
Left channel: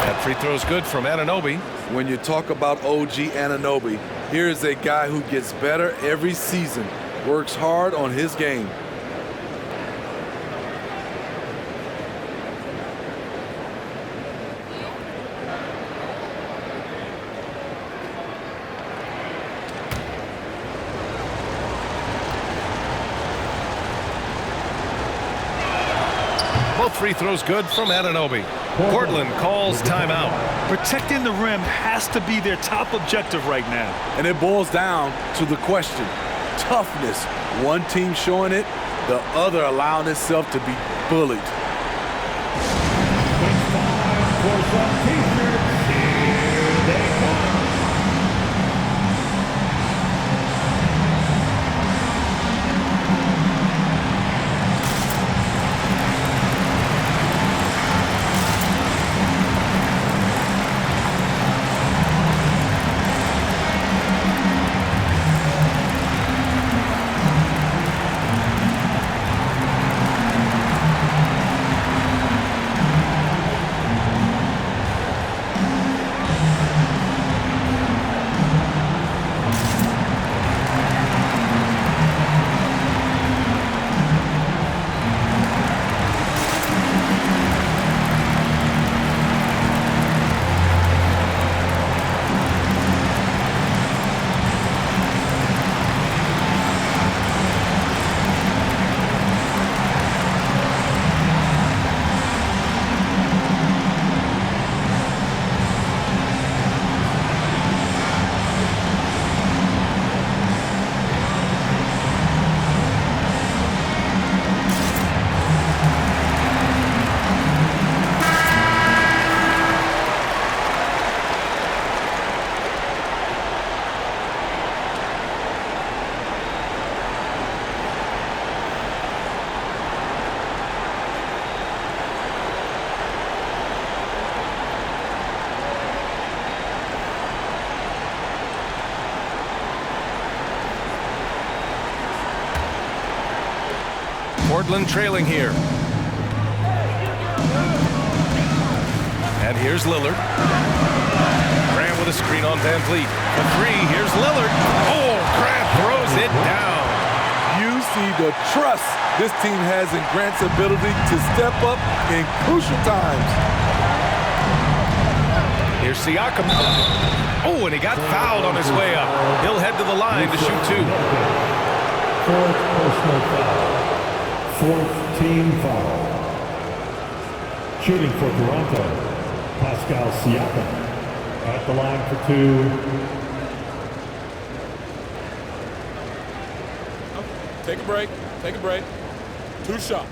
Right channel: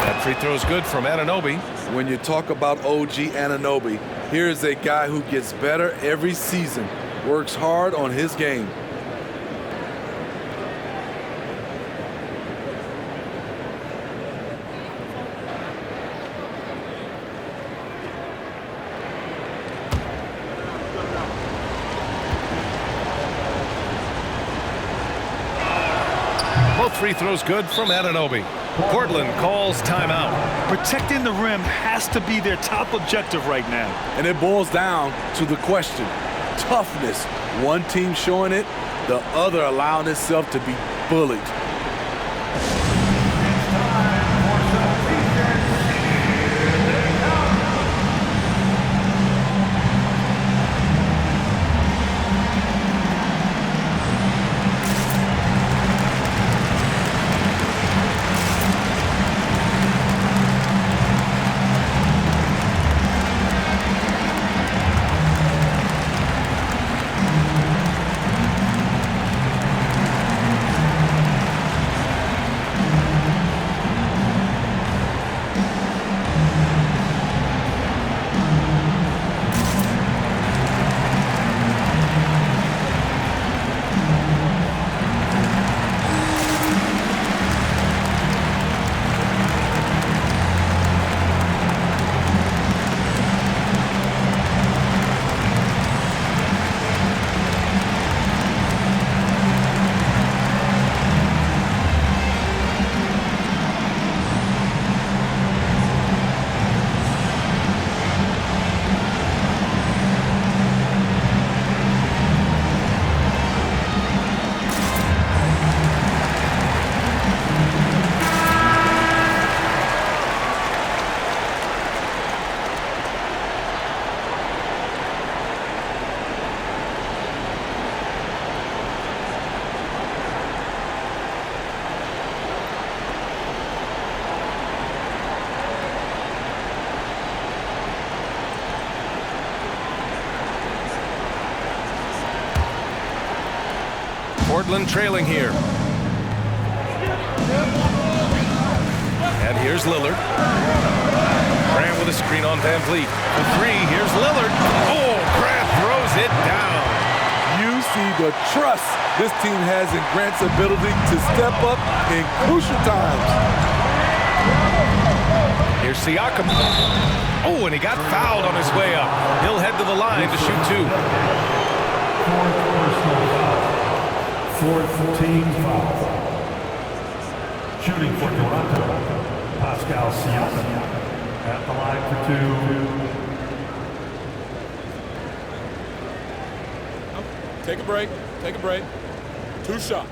That free throw is good from Anunoby. When you talk about OG Anunoby, here is a guy who gets better every season, works hard on his game. Both free throws good from Anunoby. Portland calls timeout. Protecting the rim has to be their top objective right now. And it boils down to the question. Toughness. One team showing it, the other allowing itself to be bullied. It's time for some t-shirts. Here they come. Portland trailing here. And here's Lillard. Grant with a screen on Van Vliet. The three, here's Lillard. Oh, Grant throws it down. You see the trust this team has in Grant's ability to step up in crucial times. Here's Siakam. Oh, and he got fouled on his way up. He'll head to the line to shoot two. Fourth personal foul. Fourth team foul. Shooting for Toronto, Pascal Siakam. At the line for two. Take a break. Take a break. 2 shots.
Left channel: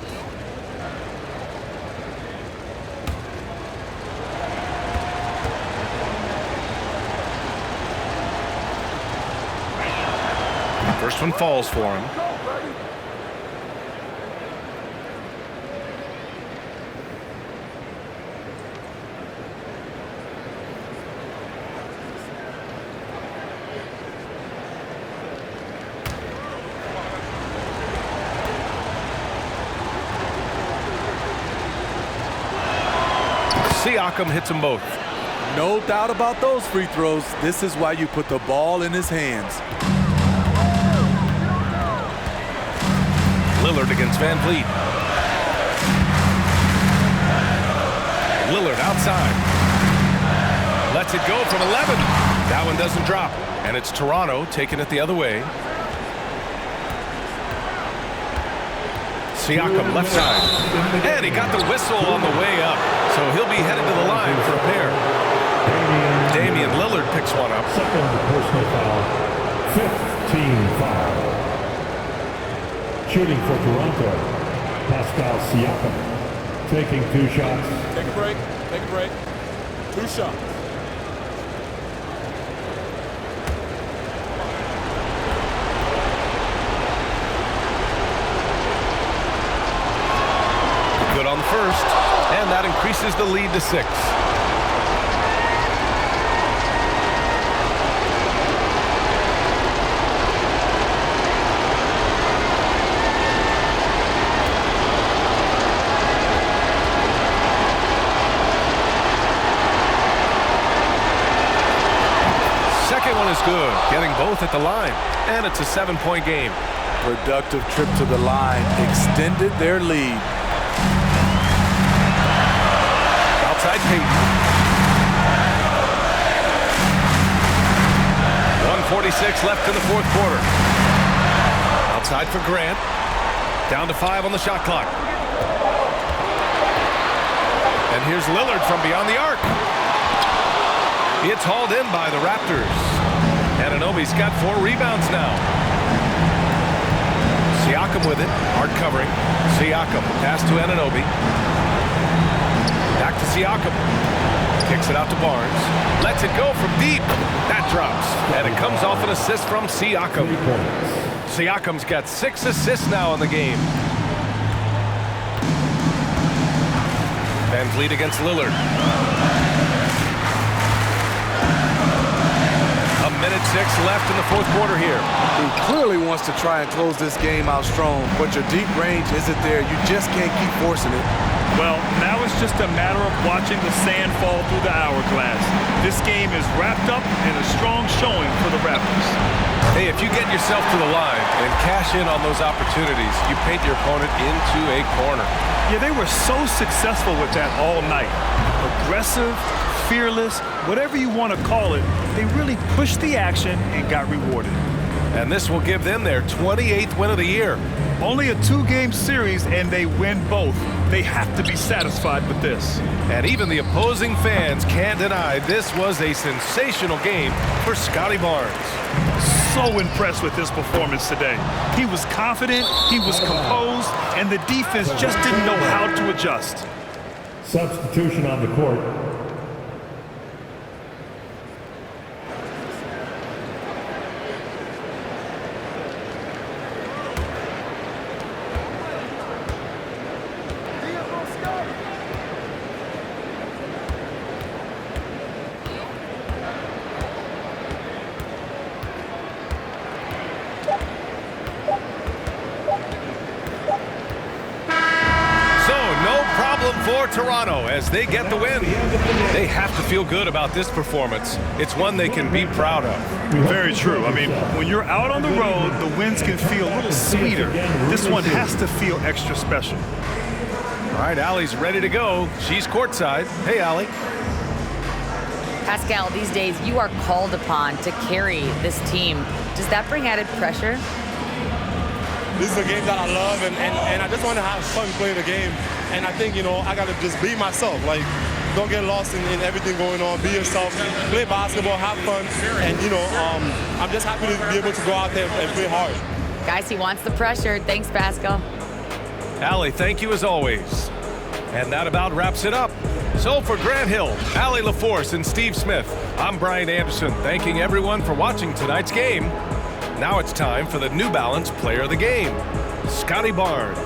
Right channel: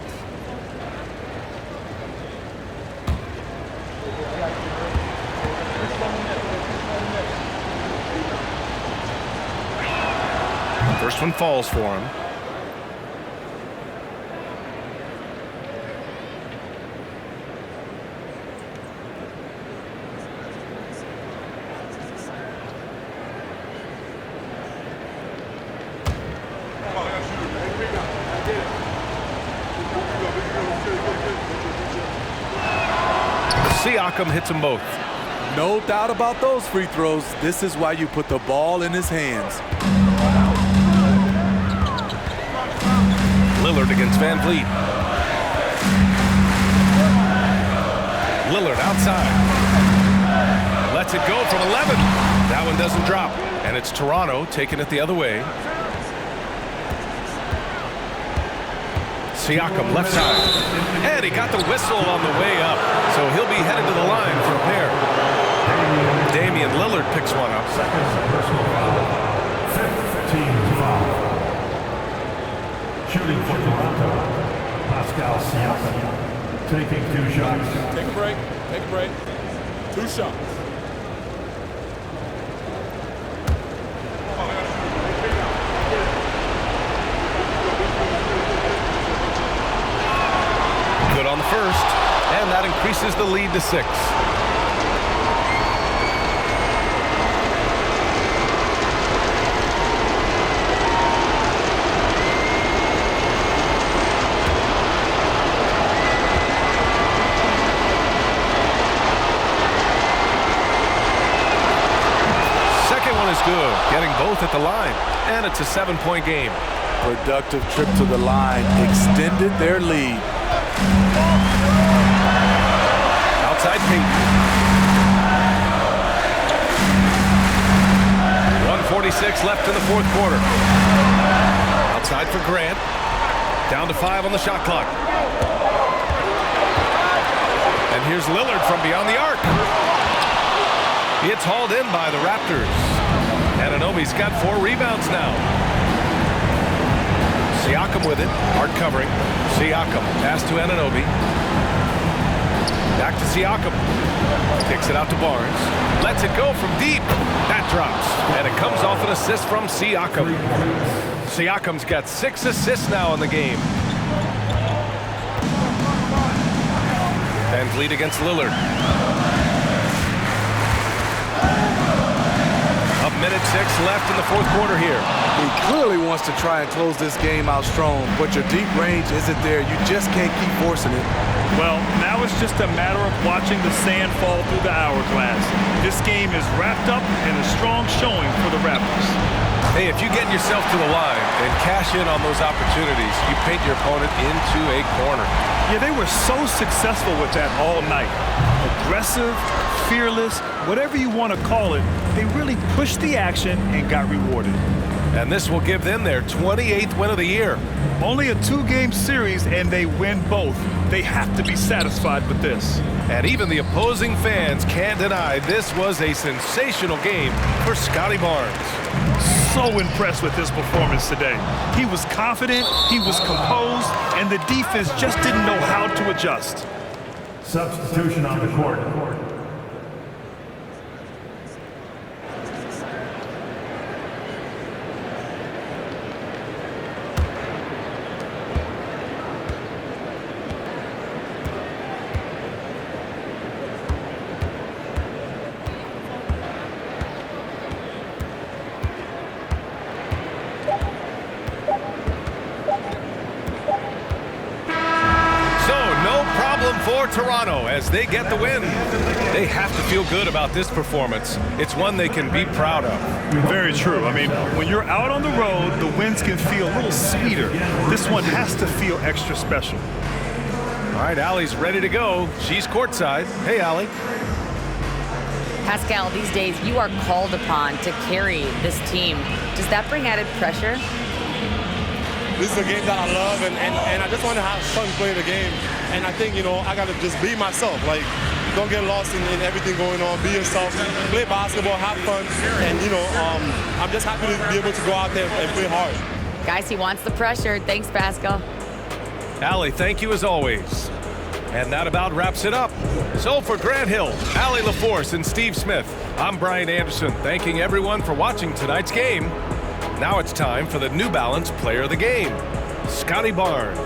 First one falls for him. Siakam hits them both. No doubt about those free throws. This is why you put the ball in his hands. Lillard against Van Vliet. Lillard outside. Lets it go from 11. That one doesn't drop. And it's Toronto taking it the other way. Siakam left side. And he got the whistle on the way up. So he'll be headed to the line for a pair. Damian Lillard picks one up. Second personal foul. Fifth team foul. Shooting for Toronto, Pascal Siakam. Taking 2 shots. Take a break. Take a break. 2 shots. Good on the first, and that increases the lead to 6. Second one is good, getting both at the line, and it's a 7-point game. Productive trip to the line extended their lead. Outside Payton. 1:46 left in the fourth quarter. Outside for Grant. Down to 5 on the shot clock. And here's Lillard from beyond the arc. It's hauled in by the Raptors. Anunoby's got 4 rebounds now. Siakam with it. Hard covering. Siakam pass to Anunoby. Back to Siakam. Kicks it out to Barnes. Lets it go from deep. That drops. And it comes off an assist from Siakam. Siakam's got 6 assists now in the game. Van Vliet against Lillard. 1:06 left in the fourth quarter here. He clearly wants to try and close this game out strong, but your deep range isn't there. You just can't keep forcing it. Well, now it's just a matter of watching the sand fall through the hourglass. This game is wrapped up in a strong showing for the Raptors. Hey, if you get yourself to the line and cash in on those opportunities, you paint your opponent into a corner. Yeah, they were so successful with that all night. Aggressive, fearless, whatever you want to call it, they really pushed the action and got rewarded. And this will give them their 28th win of the year. Only a 2-game series, and they win both. They have to be satisfied with this. And even the opposing fans can't deny this was a sensational game for Scotty Barnes. So impressed with his performance today. He was confident, he was composed, and the defense just didn't know how to adjust. Substitution on the court. problem for Toronto as they get the win. They have to feel good about this performance. It's one they can be proud of. Very true. I mean, when you're out on the road, the wins can feel a little sweeter. This one has to feel extra special. All right, Allie's ready to go. She's courtside. Hey, Allie. Pascal, these days you are called upon to carry this team. Does that bring added pressure? This is a game that I love, and I just want to have fun playing the game. And I think, I got to just be myself. Like, don't get lost in everything going on. Be yourself, play basketball, have fun. And, I'm just happy to be able to go out there and play hard. Guys, he wants the pressure. Thanks, Pascal. Allie, thank you as always. And that about wraps it up. So for Grant Hill, Allie LaForce, and Steve Smith, I'm Brian Anderson, thanking everyone for watching tonight's game. Now it's time for the New Balance Player of the Game, Scotty Barnes.